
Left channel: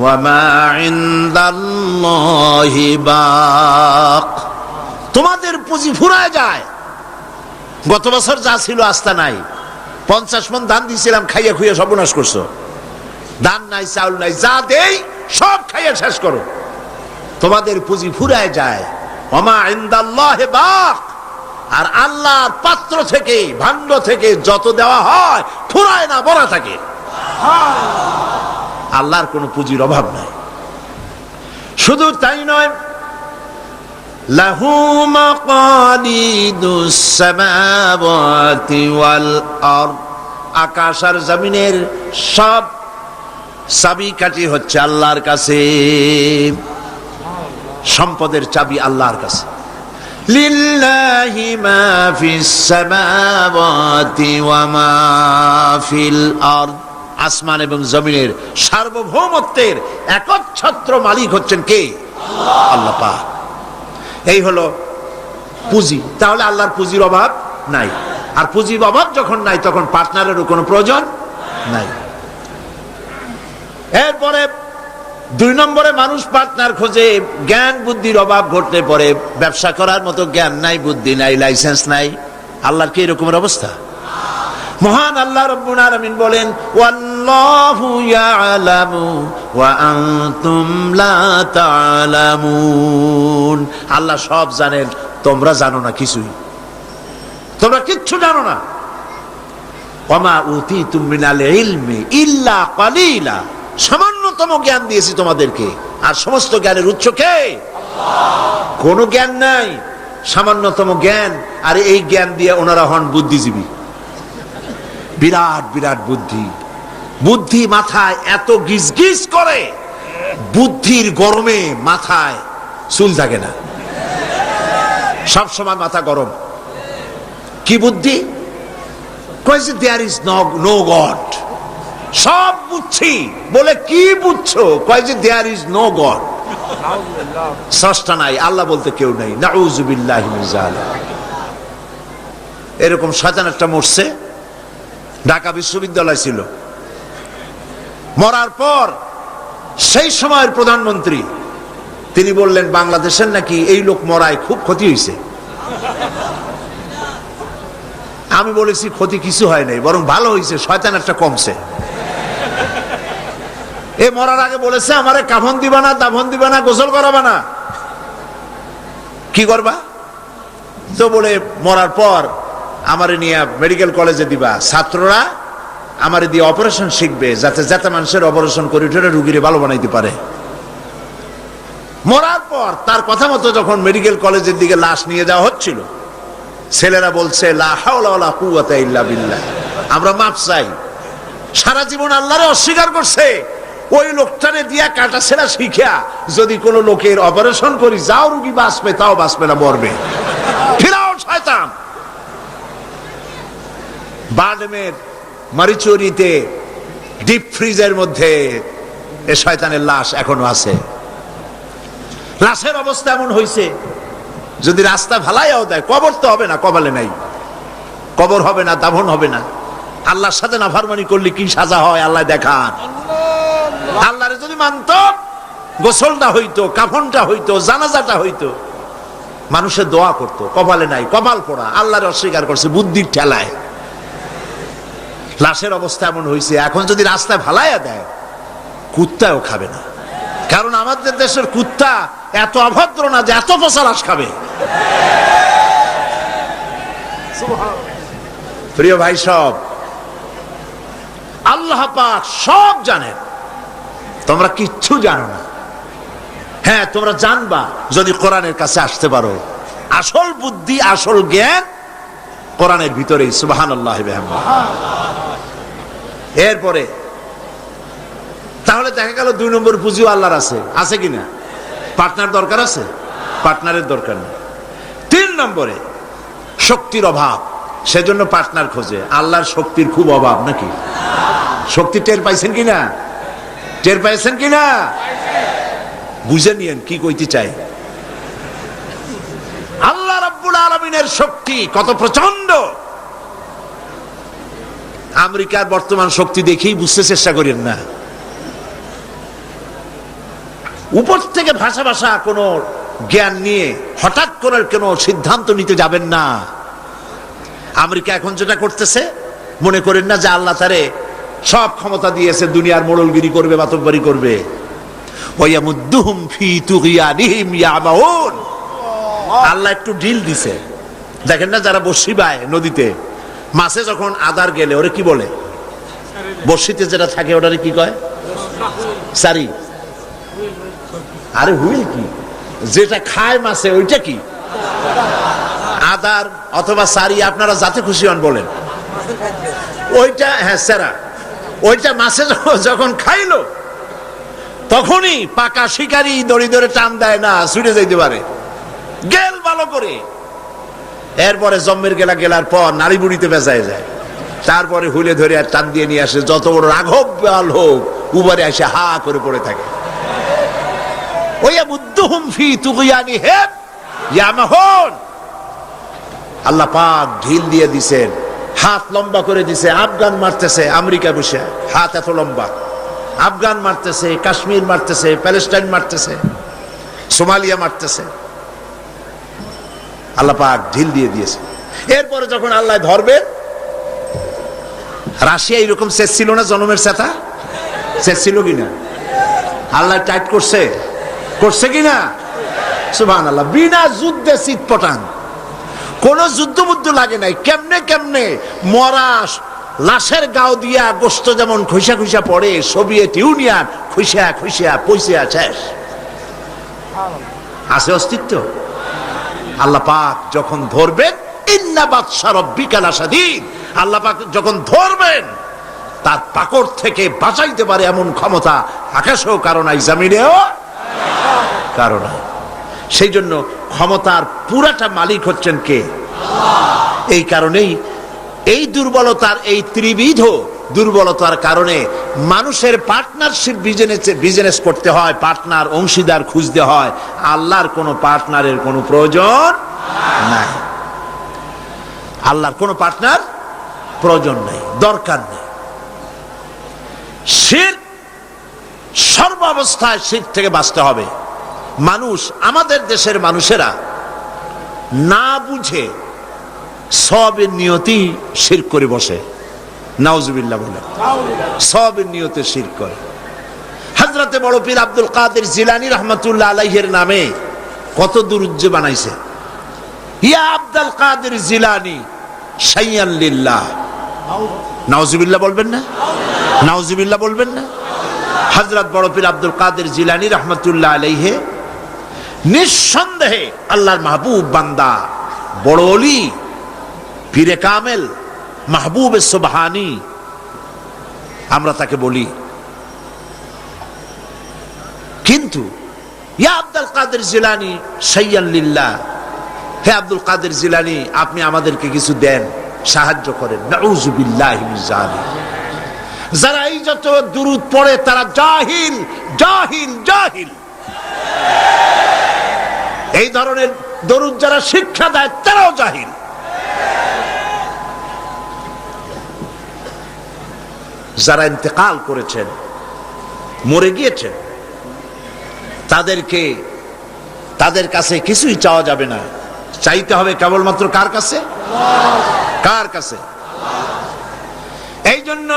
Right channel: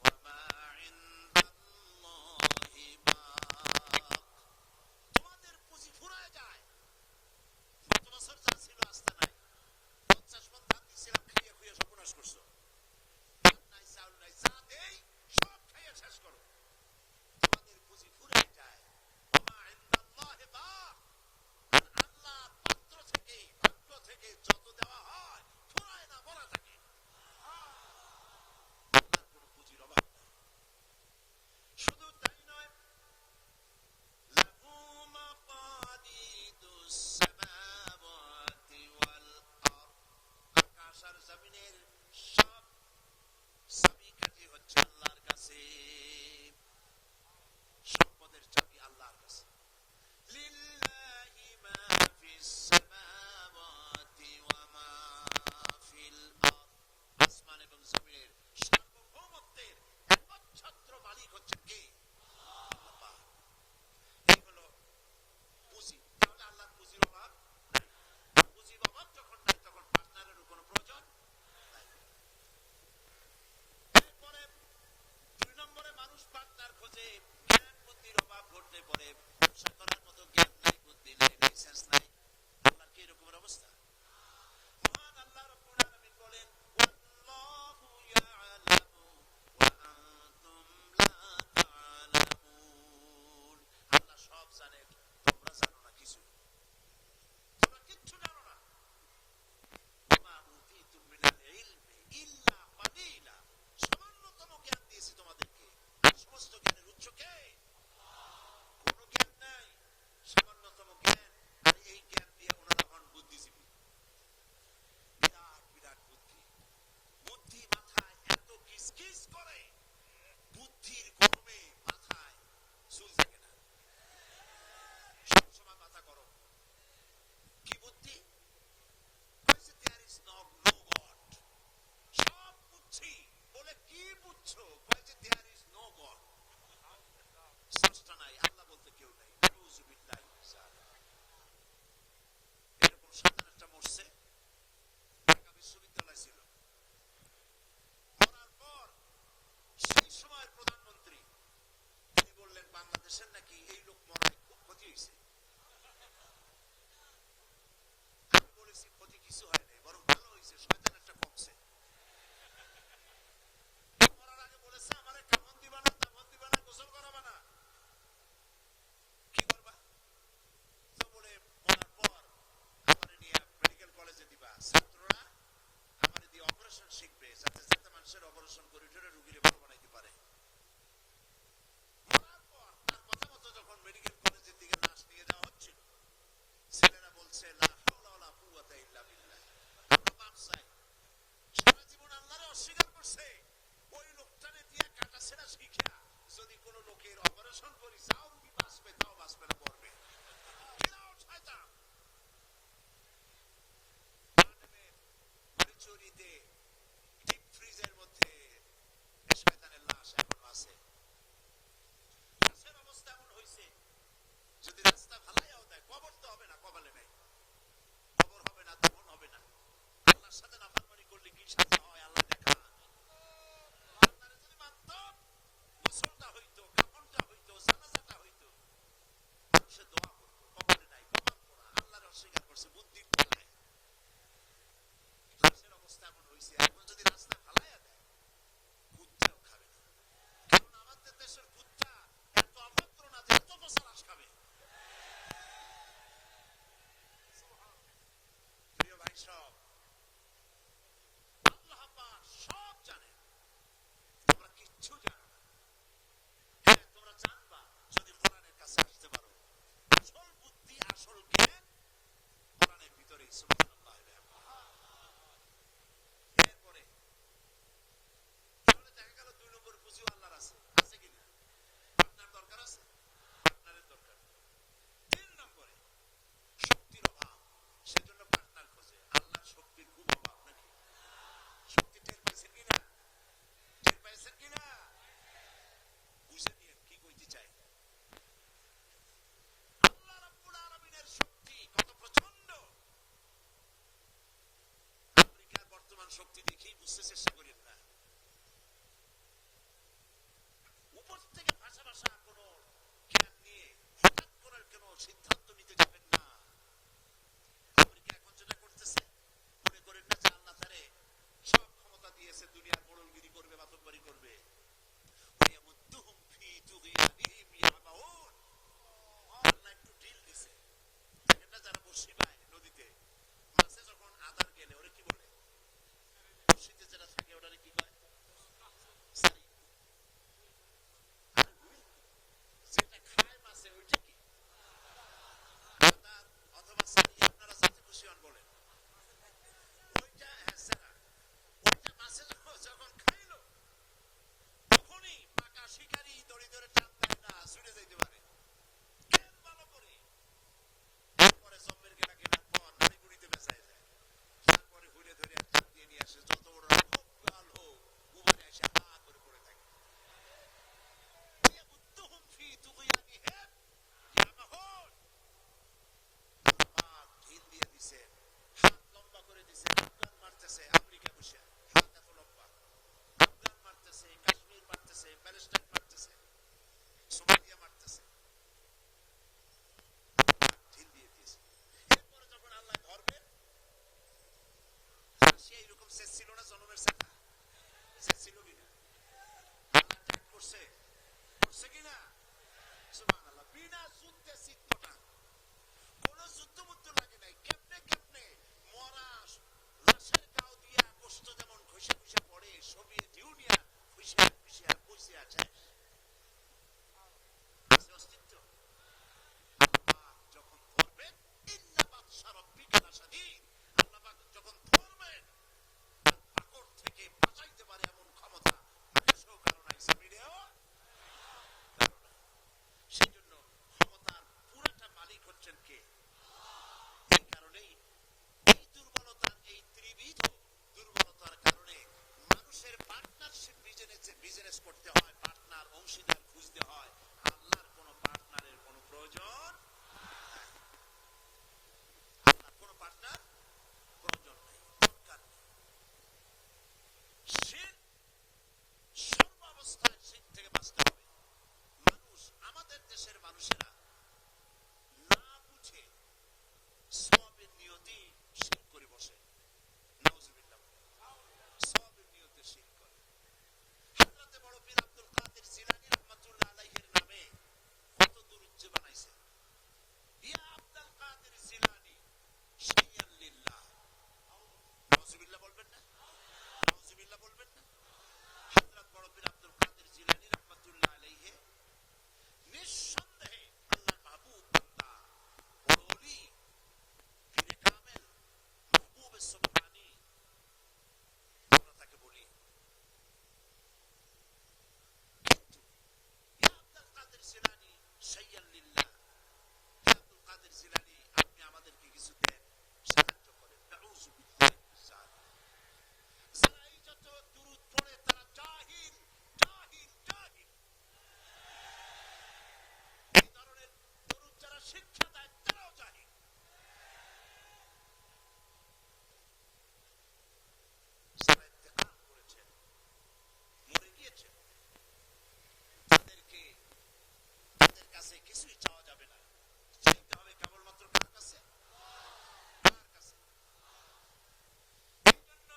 ওয়া মা ইনদাল্লাহি বাক। তোমাদের পুঁজি ফুরায় যায়। গত বছর যা ছিল আস্থা নাই, 50 মণ ধান দিয়েছিলাম, খাইয়া খুইয়া সর্বনাশ করছো। ধান নাই, চাউল নাই, যা দেই সব খাইয়া শেষ করো। তোমাদের পুঁজি ফুরায় যায়। ওমা ইনদাল্লাহি বাক। আর আল্লাহর পাত্র থেকে, ভাণ্ড থেকে যত দেওয়া হয় ফুরায় না, ভরা থাকে। আল্লাহর কোনো পুঁজির অভাব নাই। শুধু তাই নয়, লাহু মাকালিদুস সামাওয়াতি ওয়াল আরদ আকাশ আর জমিনের সব চাবিকাঠি হচ্ছে আল্লাহর কাছে। সম্পদের চাবি আল্লাহর কাছে। লিল্লাহি মা ফিস সামাওয়াতি ওয়া মা ফিল আরদ। আসমান এবং জমিনের সার্বভৌমত্বের একচ্ছত্র মালিক হচ্ছেন কে? আল্লাহ পাক। এই হলো পুঁজি। তাহলে আল্লাহর পুঁজির অভাব নাই। আর পুঁজির অভাব যখন নাই তখন পার্টনারেরও কোনো প্রয়োজন নাই। এরপরে 2 নম্বরে মানুষ পার্টনার খোঁজে জ্ঞান বুদ্ধির অভাব ঘটলে পরে। ব্যবসা করার মতো জ্ঞান নাই, বুদ্ধি নাই, লাইসেন্স নাই। আল্লাহর কি এরকমের অবস্থা? মহান আল্লাহ রাব্বুল আলামিন বলেন, ওয়াল্লাহু ইয়ালামু ওয়া আনতুম লা তা'লামুন। আল্লাহ সব জানেন, তোমরা জানো না কিছুই। তোমরা কিচ্ছু জানো না। ওয়ামা উতীতুম মিনাল ইলমি ইল্লা কালিলা। সামান্যতম জ্ঞান দিয়েছি তোমাদেরকে, আর সমস্ত জ্ঞানের উৎস কে? আল্লাহ। কোনো জ্ঞান নাই, সামান্যতম জ্ঞান। আর এই জ্ঞান দিয়ে ওনারা হন বুদ্ধিজীবী। বিরাট বিরাট বুদ্ধি। বুদ্ধি মাথায় এত গিজগিজ করে, বুদ্ধির গরমে মাথায় চুল থাকে না, সব সময় মাথা গরম। কি বুদ্ধি? কইছে দেয়ার ইজ নো গড। সব বুঝছি বলে কি বুঝছো? কইছে দেয়ার ইজ নো গড। স্রষ্টা নাই, আল্লাহ বলতে কেউ নাই। নাউযুবিল্লাহি মিন যালিক। এরকম শয়তান একটা মরছে, ঢাকা বিশ্ববিদ্যালয় ছিল। মরার পর সেই সময়ের প্রধানমন্ত্রী তিনি বললেন, বাংলাদেশের নাকি এই লোক মরায় খুব ক্ষতি হয়েছে। আমি বলেছি ক্ষতি কিছু হয় নাই, বরং ভালো হয়েছে, শয়তান একটা কমছে। এ মরার আগে বলেছে, আমারে কাফন দিবা না, দাফন দিবা না, গোসল করাবা না। কি করবা? তো বলে মরার পর আমারে নিয়ে মেডিকেল কলেজে দিবা, ছাত্ররা আমারে দিয়ে অপারেশন শিখবে, যাতে যাতে মানুষের অপারেশন করে উঠে রুগীরে ভালো বানাইতে পারে। মরার পর তার কথা মতো যখন মেডিকেল কলেজের দিকে লাশ নিয়ে যাওয়া হচ্ছিল, ছেলেরা বলছে, লা হাওলা ওয়ালা কুওয়াতা ইল্লা বিল্লাহ, আমরা মাপ চাই। সারা জীবন আল্লাহরে অস্বীকার করছে। ওই লোকটারে দিয়া কাটা ছেঁড়া শিখা যদি কোন লোকের অপারেশন করি, যাও রুগী বাঁচবে, তাও বাঁচবে না, মরবে। ফিরাও শয়তান। বাডমের মারিচুরিতে ডিপ ফ্রিজের মধ্যে এ শয়তানের লাশ এখনো আছে। লাশের অবস্থা এমন হয়েছে, যদি রাস্তা ভালাইয়াও দেয়, কবর তো হবে না, কপালে নাই, কবর হবে না, দাফন হবে না। আল্লাহর সাথে নাফরমানি করলে কি সাজা হয় আল্লাহ দেখান। আল্লাহরে যদি মানত, গোসলটা হইতো, কাফনটা হইতো, জানাজাটা হইতো, মানুষের দোয়া করতো। কপালে নাই, কপাল পোড়া, আল্লাহরে অস্বীকার করছে বুদ্ধির ঠেলায়। লাশের অবস্থা এমন হয়েছে, এখন যদি রাস্তায় ভালাইয়া দেয়, কুত্তাও খাবে না। কারণ আমাদের দেশের কুত্তা এত অভদ্র না যে এত পচা লাশ খাবে। প্রিয় ভাই, সব আল্লাহ পাক সব জানেন, তোমরা কিচ্ছু জানো না। হ্যাঁ, তোমরা জানবা যদি কোরআনের কাছে আসতে পারো। আসল বুদ্ধি, আসল জ্ঞান কোরআনের ভিতরেই। সুবহানাল্লাহ ওয়া বিহামদিহি। এরপরে তাহলে দেখা গেল 2 নম্বর পুঁজিও আল্লাহর আছে। আছে কিনা? পার্টনার দরকার আছে? পার্টনারের দরকার নেই। 3 নম্বরে শক্তির অভাব, সেজন্য পার্টনার খোঁজে। আল্লাহর শক্তির খুব অভাব নাকি? শক্তি টের পাইছেন কিনা? টের পাইছেন কিনা? বুঝে নিয়েন কি কইতে চাই। আল্লাহ রাব্বুল আলামিনের শক্তি কত প্রচন্ড। আমেরিকার বর্তমান শক্তি দেখেই বুঝতে চেষ্টা করেন না। উপর থেকে ভাষা ভাষা কোনো জ্ঞান নিয়ে হঠাৎ করে কোনো সিদ্ধান্ত নিতে যাবেন না। আমেরিকা এখন যেটা করতেছে, মনে করেন না যে আল্লাহ তারে সব ক্ষমতা দিয়েছে, দুনিয়ার মোড়লগিরি করবে, বাতব্বারি করবে। ওয়ায়ামুদ্দুহুম ফি তুগয়ানিহিম ইয়ামাউন। আল্লাহ একটু ঢিল দিছে। দেখেন না, যারা বড়শি বায় নদীতে, মাছে যখন আদার গেলে ওরে কি বলে? বড়শিতে যেটা থাকে ওটারে কি কয়? সারি। আরে হুইল কি? যেটা খায় মাছে ওইটা কি? আদার অথবা সারি, আপনারা যাতে খুশি হন বলেন। ওইটা, হ্যাঁ সেরা, ওইটা মাছে যখন খাইলো তখনই পাকা শিকারি দড়ি ধরে টান দেয় না, ছুটে যাইতে পারে, গেল ভালো করে। এরপরে জম্মের গেলার পর নাড়ি বুড়িতে বেজায় যায়, তারপরে হুলে ধরে আর টান দিয়ে নিয়ে আসে। যত বড় রাঘব বাল হোক উবারে এসে হা করে পড়ে থাকে। আল্লাহ পাক ঢিল দিয়ে দিছেন, হাত লম্বা করে দিছে। আফগান মারতেছে আমেরিকা বসে, হাত এত লম্বা। আফগান মারতেছে, কাশ্মীর মারতেছে, প্যালেস্টাইন মারতেছে, সোমালিয়া মারতেছে। আল্লাহ পাক ঢিল দিয়ে দিয়েছে। এরপরে যখন আল্লাহ ধরবে, রাশিয়া এরকম শেষ ছিল না, জনমের সেটা শেষ ছিল কিনা? আল্লাহ টাইট করছে কিনা? সুবহানাল্লাহ। বিনা যুদ্ধে চিৎপটাং, কোন যুদ্ধ লাগে নাই। কেমনে মরা লাশের গাও দিয়া গোস্ত যেমন খুইসা খুইসা পড়ে, সোভিয়েত ইউনিয়ন খুইসা পয়সা শেষ। আছে অস্তিত্ব? আল্লাহ পাক যখন ধরবেন, ইন্না বাতশা রাব্বিকা লাশাদীদ, আল্লাহ পাক যখন ধরবেন তার পাকড় থেকে বাঁচাইতে পারে এমন ক্ষমতা আকাশেও কারণ নাই, জমিনেও কারণ নাই। সেই জন্য ক্ষমতার পুরাটা মালিক হচ্ছেন কে? এই কারণেই এই দুর্বলতার, এই ত্রিবিধ দুর্বলতার কারণে মানুষের পার্টনারশিপ বিজনেস করতে হয়, পার্টনার অংশীদার খুঁজতে হয়। আল্লাহর কোনো পার্টনারের কোনো প্রয়োজন নাই, আল্লাহর কোনো পার্টনার প্রয়োজন নেই, দরকার নেই। শিরক, সর্বাবস্থায় শিরক থেকে বাঁচতে হবে। মানুষ, আমাদের দেশের মানুষেরা না বুঝে সবের নিয়তি শিরক করে বসে। নাউজুবিল্লাহ বলে সবের নিয়তে শিরক করে। হযরতে বড় পীর আব্দুল কাদের জিলানী রাহমাতুল্লাহ আলাইহির নামে কত দুরূদ বানাইছে। ইয়া আব্দুল কাদের জিলানী শাইয়ান লিল্লাহ, নাউজুবিল্লাহ বলবেন না? নাউজুবিল্লাহ বলবেন না? হযরত বড় পীর আব্দুল কাদের জিলানী রাহমাতুল্লাহ আলাইহি নিঃসন্দেহে আল্লাহর মাহবুব বান্দা, বড় ওলি, পীরে কামেল, মাহবুবে সুবহানী আমরা তাকে বলি। কিন্তু ইয়া আব্দুল কাদের জিলানী শাইয়ান লিল্লাহ, হে আব্দুল কাদের জিলানী আপনি আমাদেরকে কিছু দেন, সাহায্য করেন। নাউযুবিল্লাহি মিন যালিক। যারা এই যত দুরূদ পড়ে তারা জাহিল জাহিল জাহিল। এই ধরনের দরুদ যারা শিক্ষা দেয় তারাও জাহিল। যারা ইন্তেকাল করেছেন, মরে গিয়েছেন, তাদের কাছে কিছুই চাওয়া যাবে না, চাইতে হবে কেবলমাত্র কার কাছে? কার কাছে? এই জন্য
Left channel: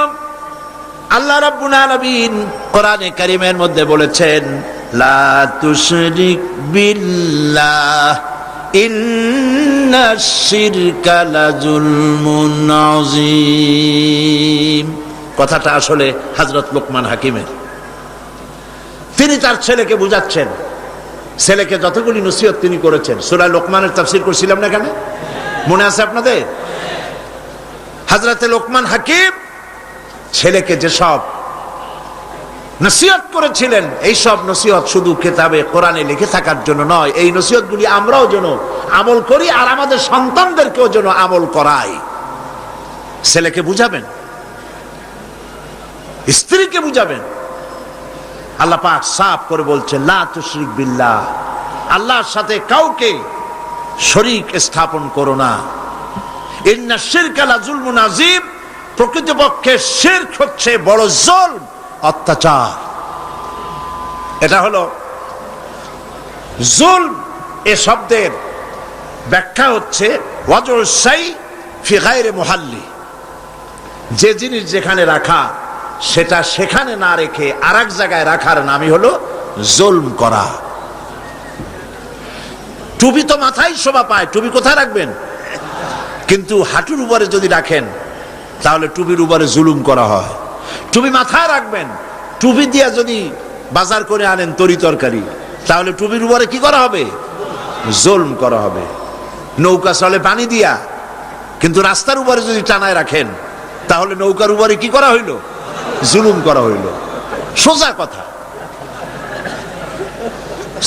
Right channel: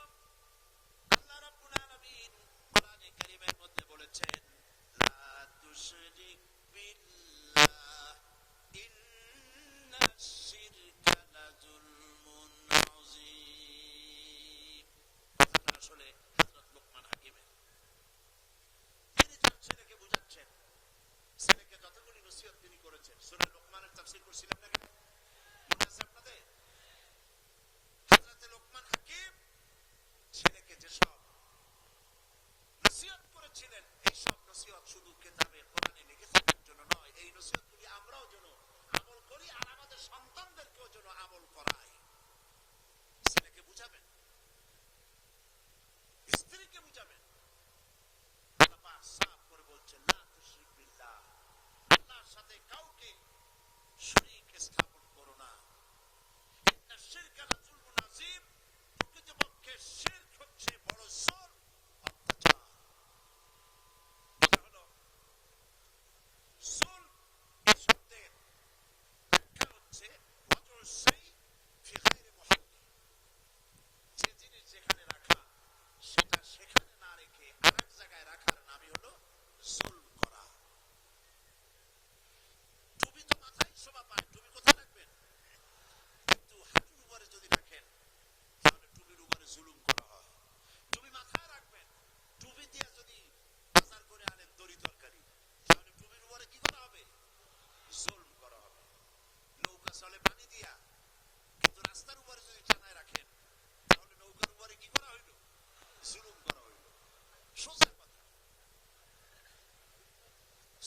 আল্লাহ রাব্বুল আলামিন কোরআনে কারীমের মধ্যে বলেছেন, লা তুশরিক বিল্লাহ ইন্নাশ শিরকা লাযুলমুন আযীম। কথাটা আসলে হযরত লোকমান হাকিমের। তিনি তার ছেলেকে বুঝাচ্ছেন। ছেলেকে যতগুলি নসিহত তিনি করেছেন, সূরা লোকমানের তাফসীর করছিলাম না এখানে, মনে আছে আপনাদের? হযরতে লোকমান হাকিম ছেলেকে যেসব নসিহত করেছিলেন, এই সব নসিহত শুধু কিতাবে কোরআনে লিখে থাকার জন্য নয়, এই নসিহতগুলি আমরাও যেন আমল করি আর আমাদের সন্তানদেরকেও যেন আমল করাই। ছেলেকে বুঝাবেন, স্ত্রীকে বুঝাবেন। আল্লাহ পাক সাফ করে বলছেন, লা তুশরিক বিল্লাহ, আল্লাহর সাথে কাউকে শরীক স্থাপন করো না। ইন্নাশ শিরকা লাযুলমুন আযীম, প্রকৃতপক্ষে শিরক হচ্ছে বড় জুলম, অত্যাচার। এটা হলো জুলম। এ শব্দের ব্যাখ্যা হচ্ছে ওয়াজুল শাই ফি গায়রি মুহাল্লি, যে জিনিস যেখানে রাখা সেটা সেখানে না রেখে আরেক জায়গায় রাখার নামই হলো জুলম করা। টুপি তো মাথায় শোভা পায়, টুপি কোথায় রাখবেন? কিন্তু হাঁটুর উপরে যদি রাখেন তাহলে টুপির উপরে জুলুম করা হয়। টুপি মাথায় রাখবেন, টুপি দিয়া যদি বাজার করে আনেন তরি তরকারি, তাহলে টুপির উপরে কি করা হবে? জুলম করা হবে। নৌকা চলে পানি দিয়া, কিন্তু রাস্তার উপরে যদি টানায় রাখেন তাহলে নৌকার উপরে কি করা হইল? জুলুম করা হইল। সোজা কথা।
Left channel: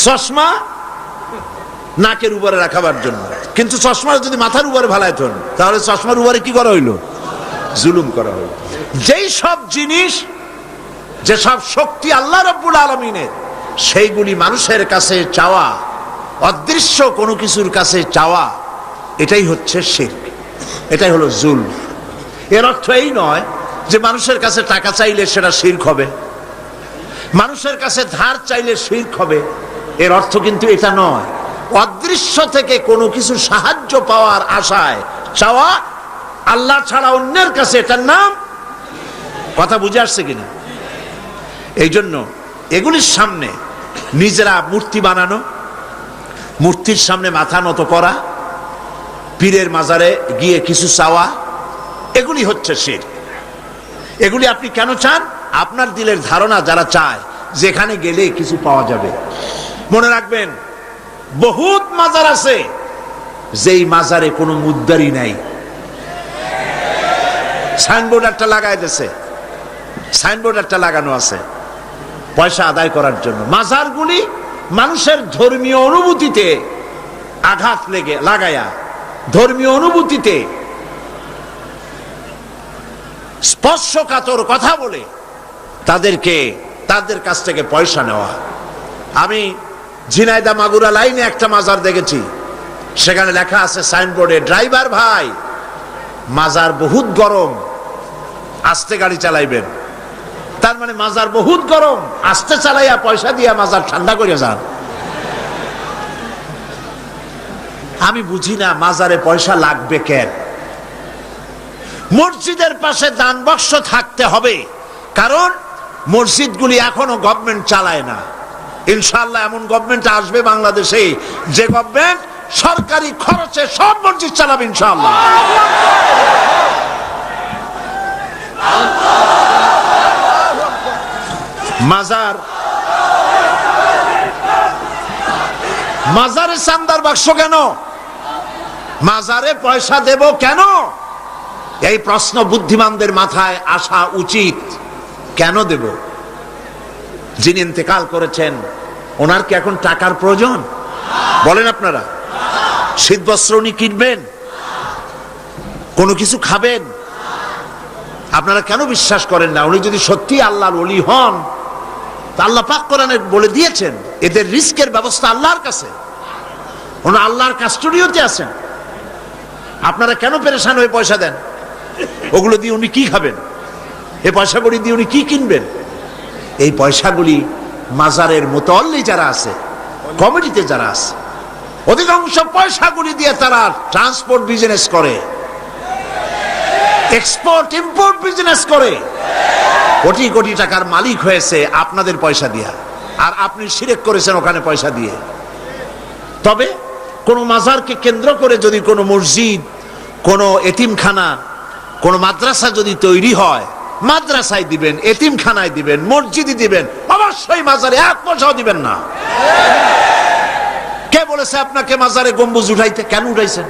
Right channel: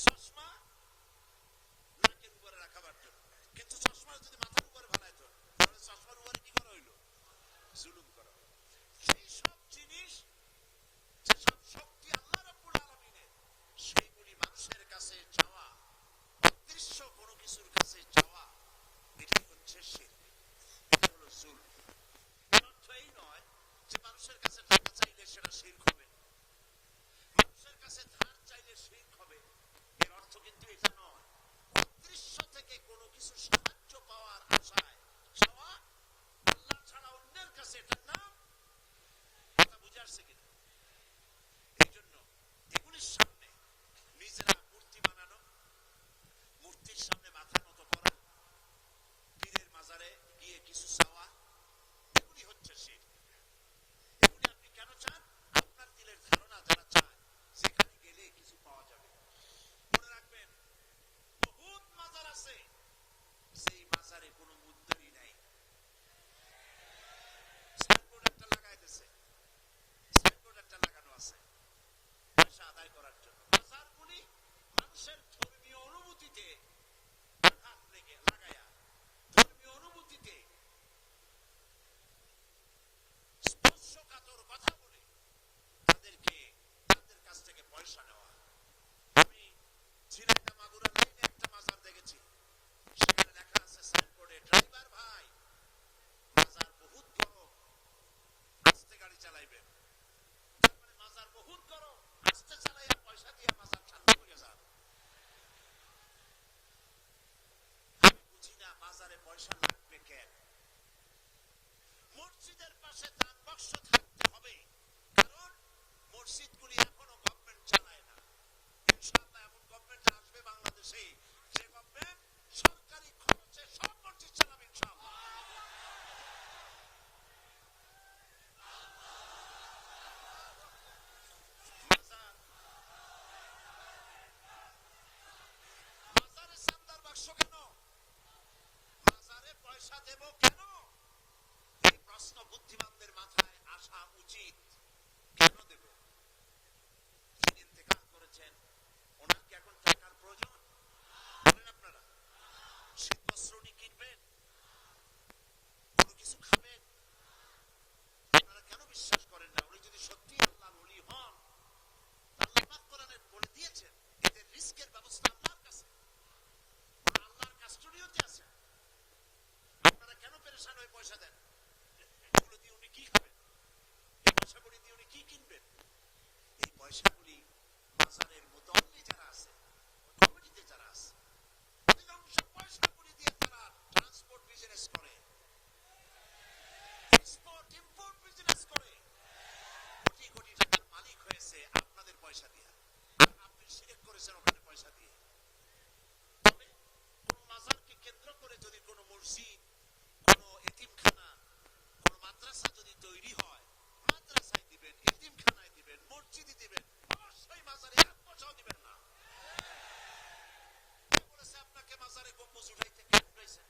চশমা নাকের উপরে রাখাবার জন্য, কিন্তু চশমা যদি মাথার উপরে ভালাইতেন তাহলে চশমার উপরে কি করা হইল? জুলুম করা হইল। যেই সব জিনিস, যে সব শক্তি আল্লাহ রাব্বুল আলামিনের, সেইগুলি মানুষের কাছে চাওয়া, অদৃশ্য কোনো কিছুর কাছে চাওয়া, এটাই হচ্ছে শিরক, এটাই হলো জুলম। এর অর্থ এই নয় যে মানুষের কাছে টাকা চাইলে সেটা শিরক হবে, মানুষের কাছে ধার চাইলে শিরক হবে, এর অর্থ কিন্তু এটা নয়। অদৃশ্য থেকে কোনো কিছু সাহায্য পাওয়ার আশায় চাওয়া আল্লাহ ছাড়া অন্যের কাছে, এটার নাম, কথা বুঝে আসছে কিনা? এই জন্য এগুলির সামনে নিজেরা মূর্তি বানানো, মূর্তির সামনে মাথা নত করা, পীরের মাজারে গিয়ে কিছু চাওয়া, এগুলি হচ্ছে শিরক। এগুলি আপনি কেন চান? আপনার দিলের ধারণা যারা চায় যেখানে গেলে কিছু পাওয়া যাবে। মনে রাখবেন, বহুত মাজার আছে যেই মাজারে কোনো মুদ্দারি নাই। সাইনবোর্ড একটা লাগাই দিয়েছে, সাইনবোর্ড একটা লাগানো আছে পয়সা আদায় করার জন্য। মাজারগুলি মানুষের ধর্মীয় অনুভূতিতে আঘাত লাগায়া, ধর্মীয় অনুভূতিতে স্পর্শকাতর কথা বলে তাদের কাছ থেকে পয়সা নেওয়া। আমি ঝিনাইদহ মাগুরা লাইনে একটা মাজার দেখেছি, সেখানে লেখা আছে সাইনবোর্ডে, ড্রাইভার ভাই মাজার বহুত গরম, আস্তে গাড়ি চালাইবেন। তার মানে মাজার বহুত গরম, আস্তে চালাইয়া পয়সা দিয়া মাজার ঠান্ডা করে যান। আমি বুঝি না মাজারে পয়সা লাগবে কেন? মসজিদের পাশে দান বাক্স থাকতে হবে, কারণ মসজিদগুলি এখনো গভর্নমেন্ট চালায় না। ইনশাআল্লাহ এমন গভর্নমেন্ট আসবে বাংলাদেশে যে গভর্নমেন্ট সরকারি খরচে সব মসজিদ চালাবে ইনশাআল্লাহ। মাজারে চান্দার বাক্স কেন? মাজারে পয়সা দেব কেন? এই প্রশ্ন বুদ্ধিমানদের মাথায় আসা উচিত। কেন দেব? যিনি ইন্তেকাল করেছেন ওনার কি এখন টাকার প্রয়োজন? বলেন আপনারা। শীত বস্ত্র উনি কিনবেন, কোনো কিছু খাবেন? আপনারা কেন বিশ্বাস করেন না? উনি যদি সত্যি আল্লাহর ওলি হন, তা আল্লাহ পাক কোরআনে বলে দিয়েছেন এদের রিস্কের ব্যবস্থা আল্লাহর কাছে, ওনারা আল্লাহর কাস্টোডিওতে আছেন। আপনারা কেন পেরেশান হয়ে পয়সা দেন? ওগুলো দিয়ে উনি কি খাবেন? এই পয়সাগুলি দিয়ে উনি কি কিনবেন? এই পয়সাগুলি মাজারের মুতাল্লি যারা আছে, কমিটিতে যারা আছে, অধিকাংশ পয়সাগুলি দিয়ে তারা ট্রান্সপোর্ট বিজনেস করে, এক্সপোর্ট ইম্পোর্ট বিজনেস করে, কোটি কোটি টাকার মালিক হয়েছে আপনাদের পয়সা দিয়া, আর আপনি শিরক করেছেন ওখানে পয়সা দিয়ে। তবে কোন মাজারকে কেন্দ্র করে যদি কোনো মসজিদ, কোনো এতিমখানা, কোন মাদ্রাসা যদি তৈরি হয়, মাদ্রাসায় দিবেন, এতিমখানায় দিবেন, মসজিদে দিবেন, অবশ্যই মাজারে এক পয়সাও দিবেন না। কে বলেছে আপনাকে মাজারে গম্বুজ উঠাইতে? কেন উঠাইছেন?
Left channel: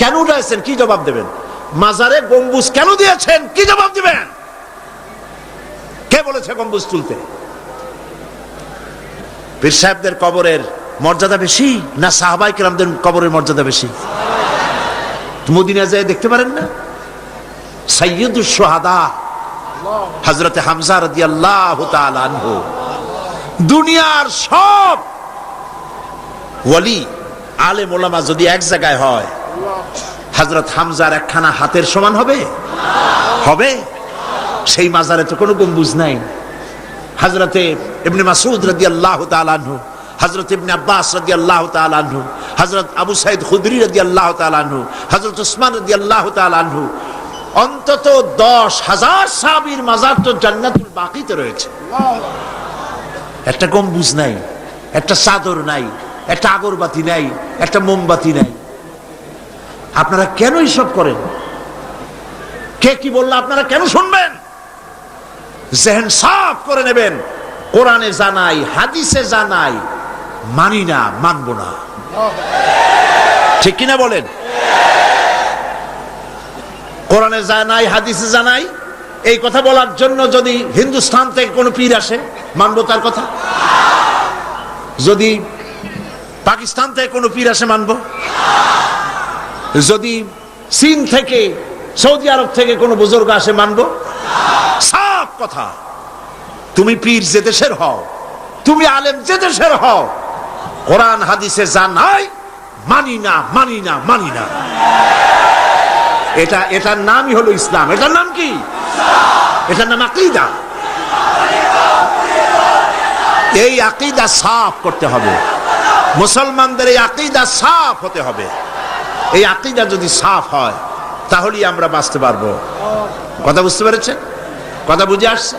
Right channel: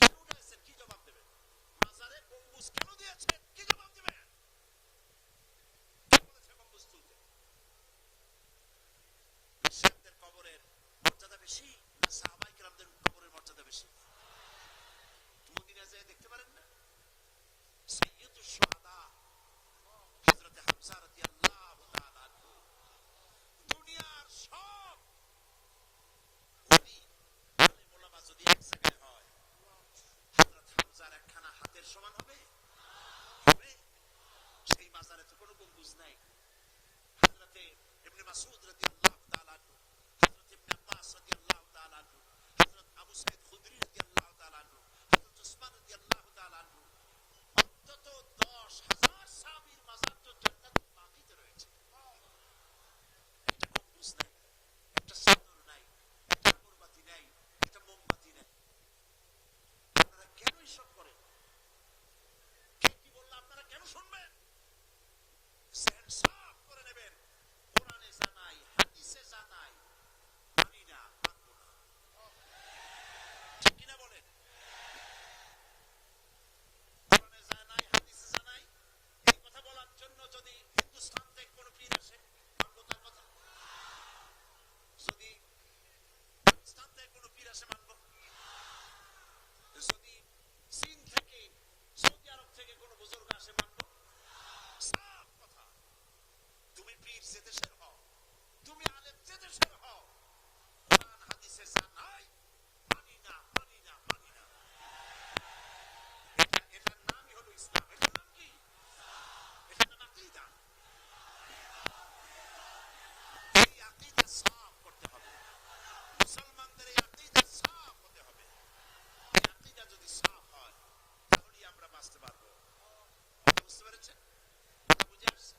কেন উঠাইছেন? কি জবাব দেবেন? মাজারে গম্বুজ কেন দিয়েছেন? কি জবাব দিবেন? কে বলেছে গম্বুজ তুলতে? পীর সাহেবদের কবরের মর্যাদা বেশি না সাহাবায়ে কেরামদের কবরের মর্যাদা বেশি? মদিনা যায় দেখতে পারেন না? সাইয়্যিদুশ শুহাদা হযরত হামজা রাদিয়াল্লাহু তাআলা আনহু, দুনিয়ার সব ওয়ালি আলেম ওলামা যদি এক জায়গায় হয়, হযরত হামজার একখানা হাতের সমান হবে? হবে? সেই মাজারে তো কোনো গম্বুজ নাই। হযরতে ইবনে মাসউদ রাদিয়াল্লাহু তাআলা আনহু, হযরত ইবনে আব্বাস রাদিয়াল্লাহু তাআলা আনহু, হযরত আবু সাঈদ খুদরি রাদিয়াল্লাহু তাআলা আনহু, হযরত উসমান রাদিয়াল্লাহু তাআলা আনহু, অন্তত 10,000 সাহাবীর মাজার তো জান্নাতুল বাকিতে রয়েছে। একটা গম্বুজ নাই, একটা চাদর নাই, একটা আগরবাতি নাই, একটা মোমবাতি নাই। আপনারা কেন এইসব করেন? কে কি বললো আপনারা কেন শুনবেন? জেহেন সাফ করে নেবেন, কোরআনে জানাই, হাদিসে জানাই, মানি না, মানব না। ঠিক কিনা বলেন? কোরআনে জানাই, হাদিসে জানাই, এই কথা বলার জন্য যদি হিন্দুস্তান থেকে কোনো পীর আসে, মানবো তার কথা? যদি পাকিস্তান থেকে কোনো পীর আসে, মানবো? যদি চীন থেকে, সৌদি আরব থেকে কোনো বুজুর্গ আসে, মানবো? সাফ কথা। তুমি পীর যে দেশের হও, তুমি আলেম যে দেশের হও, কোরআন হাদিসে জানাই মানি না, মানি না, মানি না। এটার নামই হলো ইসলাম। এটার নাম কি? এটার নাম আকীদা। এই আকীদা সাফ করতে হবে, মুসলমানদের এই আকীদা সাফ হতে হবে। এই আকীদা যদি সাফ হয় তাহলেই আমরা বাঁচতে পারবো। কথা বুঝতে পেরেছেন? কথা বুঝে আসছে?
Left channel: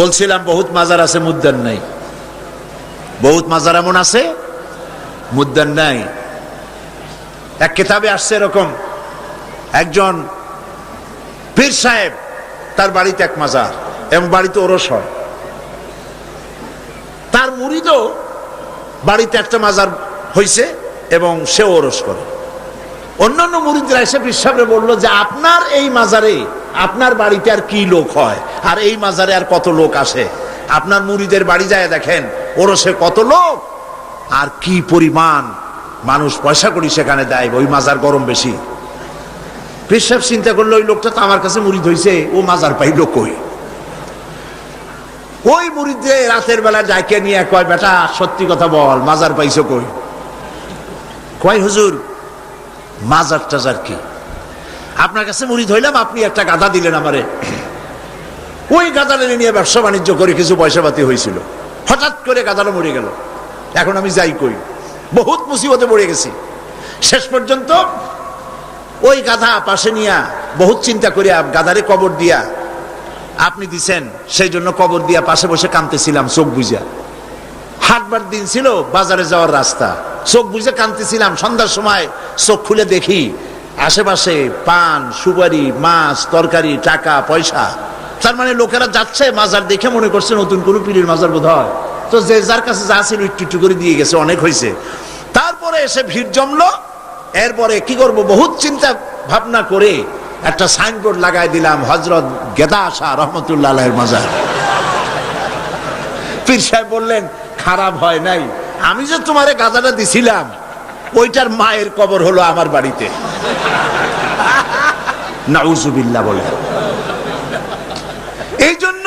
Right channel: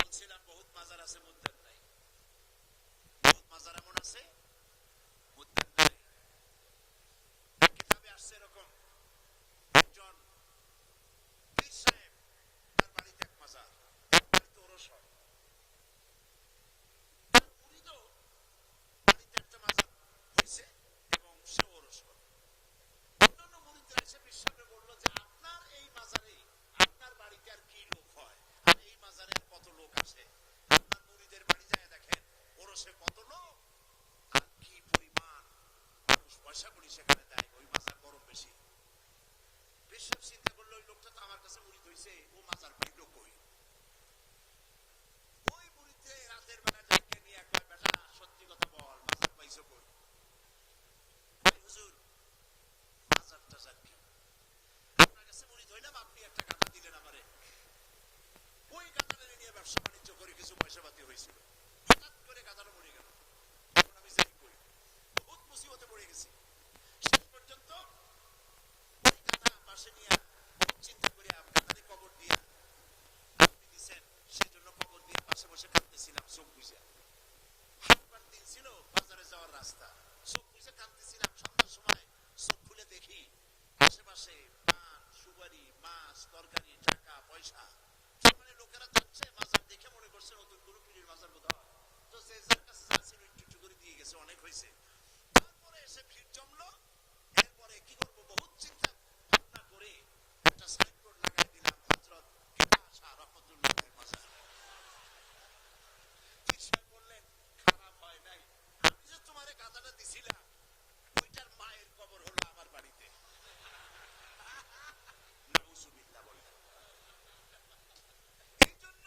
বলছিলাম বহুত মাজার আছে, মুদ্দার নাই। বহুত মাজার এমন আছে, মুদ্দার নাই। এক কিতাবে আসছে এরকম, একজন পীর সাহেব, তার বাড়িতে এক মাজার এবং বাড়িতে ওরস হয়। তার মুরিদও বাড়িতে একটা মাজার হইছে এবং সে ওরস করে। অন্যান্য মুরিদরা এসে পীর সাহেবরে বললো যে আপনার এই মাজারে, আপনার বাড়িতে আর কি লোক হয়, আর এই মাজারে আর কত লোক আসে? আপনার মুরিদের বাড়ি যায় দেখেন, ওরসে কত লোক আর কি পরিমাণ মানুষ পয়সা করি সেখানে দেয়, ওই মাজার গরম বেশি। পীর সাহেব চিন্তা করলো, ওই লোকটা তো আমার কাছে মুরিদ হইছে, ও মাজার পাইলো কই? ওই মুরিদে রাতের বেলা ডাকে নিয়ে কয়, বেটা সত্যি কথা বল, মাজার পাইছো কই? কয়, হুজুর মাজার টাজার কি, আপনার কাছে মুরিদ হইলাম, আপনি একটা গাধা দিলেন আমারে, ওই গাধাটা নিয়ে ব্যবসা বাণিজ্য করে কিছু পয়সা পাতি হয়েছিল, হঠাৎ করে গাধাটা মরে গেল, এখন আমি যাই কই? বহুত মুসিবতে পড়ে গেছি। শেষ পর্যন্ত ওই গাধা পাশে নিয়া বহুত চিন্তা করিয়া গাধারে কবর দিয়া, আপনি দিছেন সেই জন্য কবর দিয়া পাশে বসে কাঁদতেছিলাম চোখ বুঝা। হাটবার দিন ছিল, বাজারে যাওয়ার রাস্তা, চোখ বুঝে কাঁদতেছিলাম। সন্ধ্যার সময় চোখ খুলে দেখি আশেপাশে পান, সুপারি, মাছ, তরকারি, টাকা পয়সা। তার মানে লোকেরা যাচ্ছে, মাজার দেখে মনে করছে নতুন কোনো পীরের মাজার বোধ হয়, তো যে যার কাছে যা ছিল একটু একটু করে দিয়ে গেছে, অনেক হয়েছে। তারপরে এসে ভিড় জমলো। এরপরে কি করব, বহুত চিন্তা ভাবনা করে একটা সাইনবোর্ড লাগাই দিলাম, হযরত গেদা শাহ রহমতুল্লাহ আলাইহির মাজার। পীর সাহেব বললেন, খারাপ হয় নাই, আমি যে তোমারে গাধাটা দিছিলাম ওইটার মায়ের কবর হলো আমার বাড়িতে। নাউজুবিল্লাহ বলে। এই জন্য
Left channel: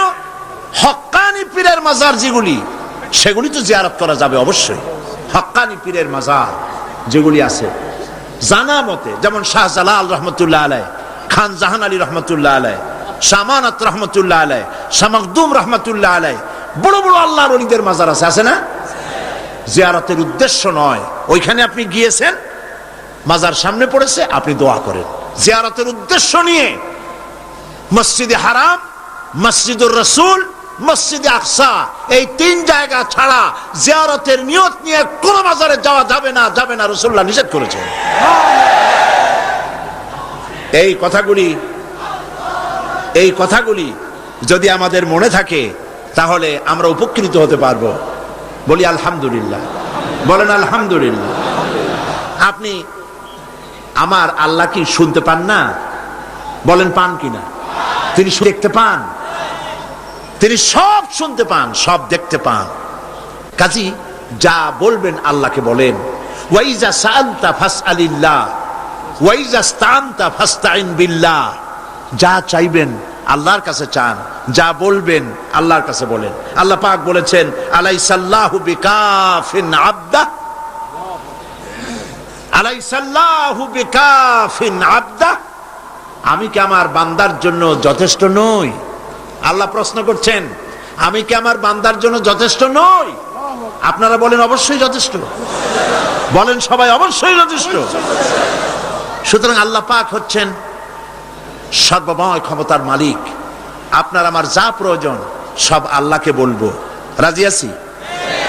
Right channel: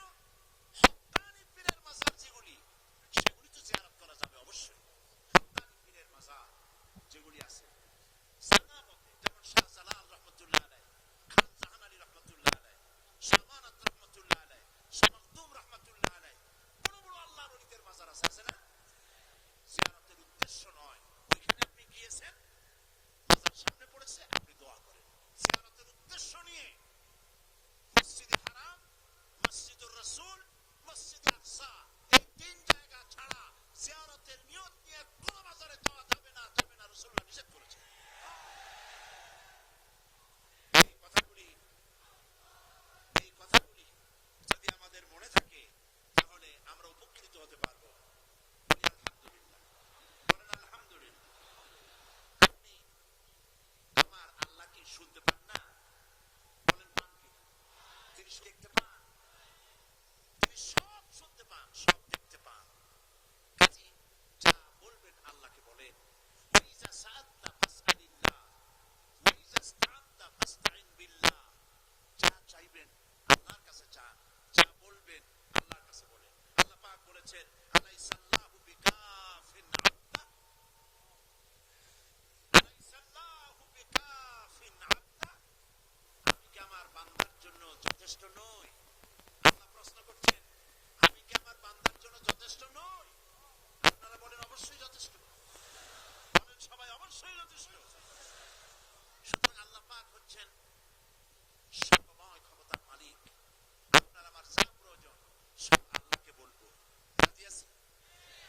হক্কানি পীরের মাজার যেগুলি, সেগুলি তো জিয়ারত করা যাবে অবশ্যই। হক্কানি পীরের মাজার যেগুলি আছে জানা মতে, যেমন শাহজালাল রহমতুল্লাহ আলাই, খান জাহান আলী রহমতুল্লাহ আলাই, শামানাত রহমতুল্লাহ আলাই, শামাকদুম রহমতুল্লাহ আলাই, বড় বড় আল্লাহর ওলিদের মাজার আছে, আছে না? জিয়ারতের উদ্দেশ্য নয়, ওইখানে আপনি গিয়েছেন, মাজার সামনে পড়েছে, আপনি দোয়া করেন। জিয়ারতের উদ্দেশ্য নিয়ে মসজিদে হারাম, মসজিদুর রাসূল, মসজিদে আকসা, এই তিন জায়গা ছাড়া জিয়ারতের নিয়ত নিয়ে কোন মাজারে যাওয়া যাবে না, যাবে না, রাসূলুল্লাহ নিষেধ করেছেন। এই কথাগুলি যদি আমাদের মনে থাকে তাহলে আমরা উপকৃত হতে পারবো। বলি আলহামদুলিল্লাহ, বলেন আলহামদুলিল্লাহ। আপনি আমার আল্লাহ কি শুনতে পান না? বলেন পান কিনা? তিনি দেখতে পান, তিনি সব শুনতে পান, সব দেখতে পান। কাজী যা বলবেন আল্লাহকে বলেন। ওয়াইজা সাআলতা ফাসআলিল্লাহ ওয়াইজা ইসতাআনতা ফাসতাইন বিল্লাহ। যা চাইবেন আল্লাহর কাছে চান, যা বলবেন আল্লাহর কাছে বলেন। আল্লাহ পাক বলেছেন, আলাইসাল্লাহু বিকাফিন আবদা, আলাইসাল্লাহু বিকাফিন আবদা। আমি কি আমার বান্দার জন্য যথেষ্ট নই? আল্লাহ প্রশ্ন করছেন, আমি কি আমার বান্দার জন্য যথেষ্ট নই? আপনারা বলেন অবশ্যই যথেষ্ট, বলেন সবাই অবশ্যই যথেষ্ট। সুতরাং আল্লাহ পাক হচ্ছেন সর্বময় ক্ষমতার মালিক। আপনার আমার যা প্রয়োজন সব আল্লাহকে বলবো, রাজি আছি?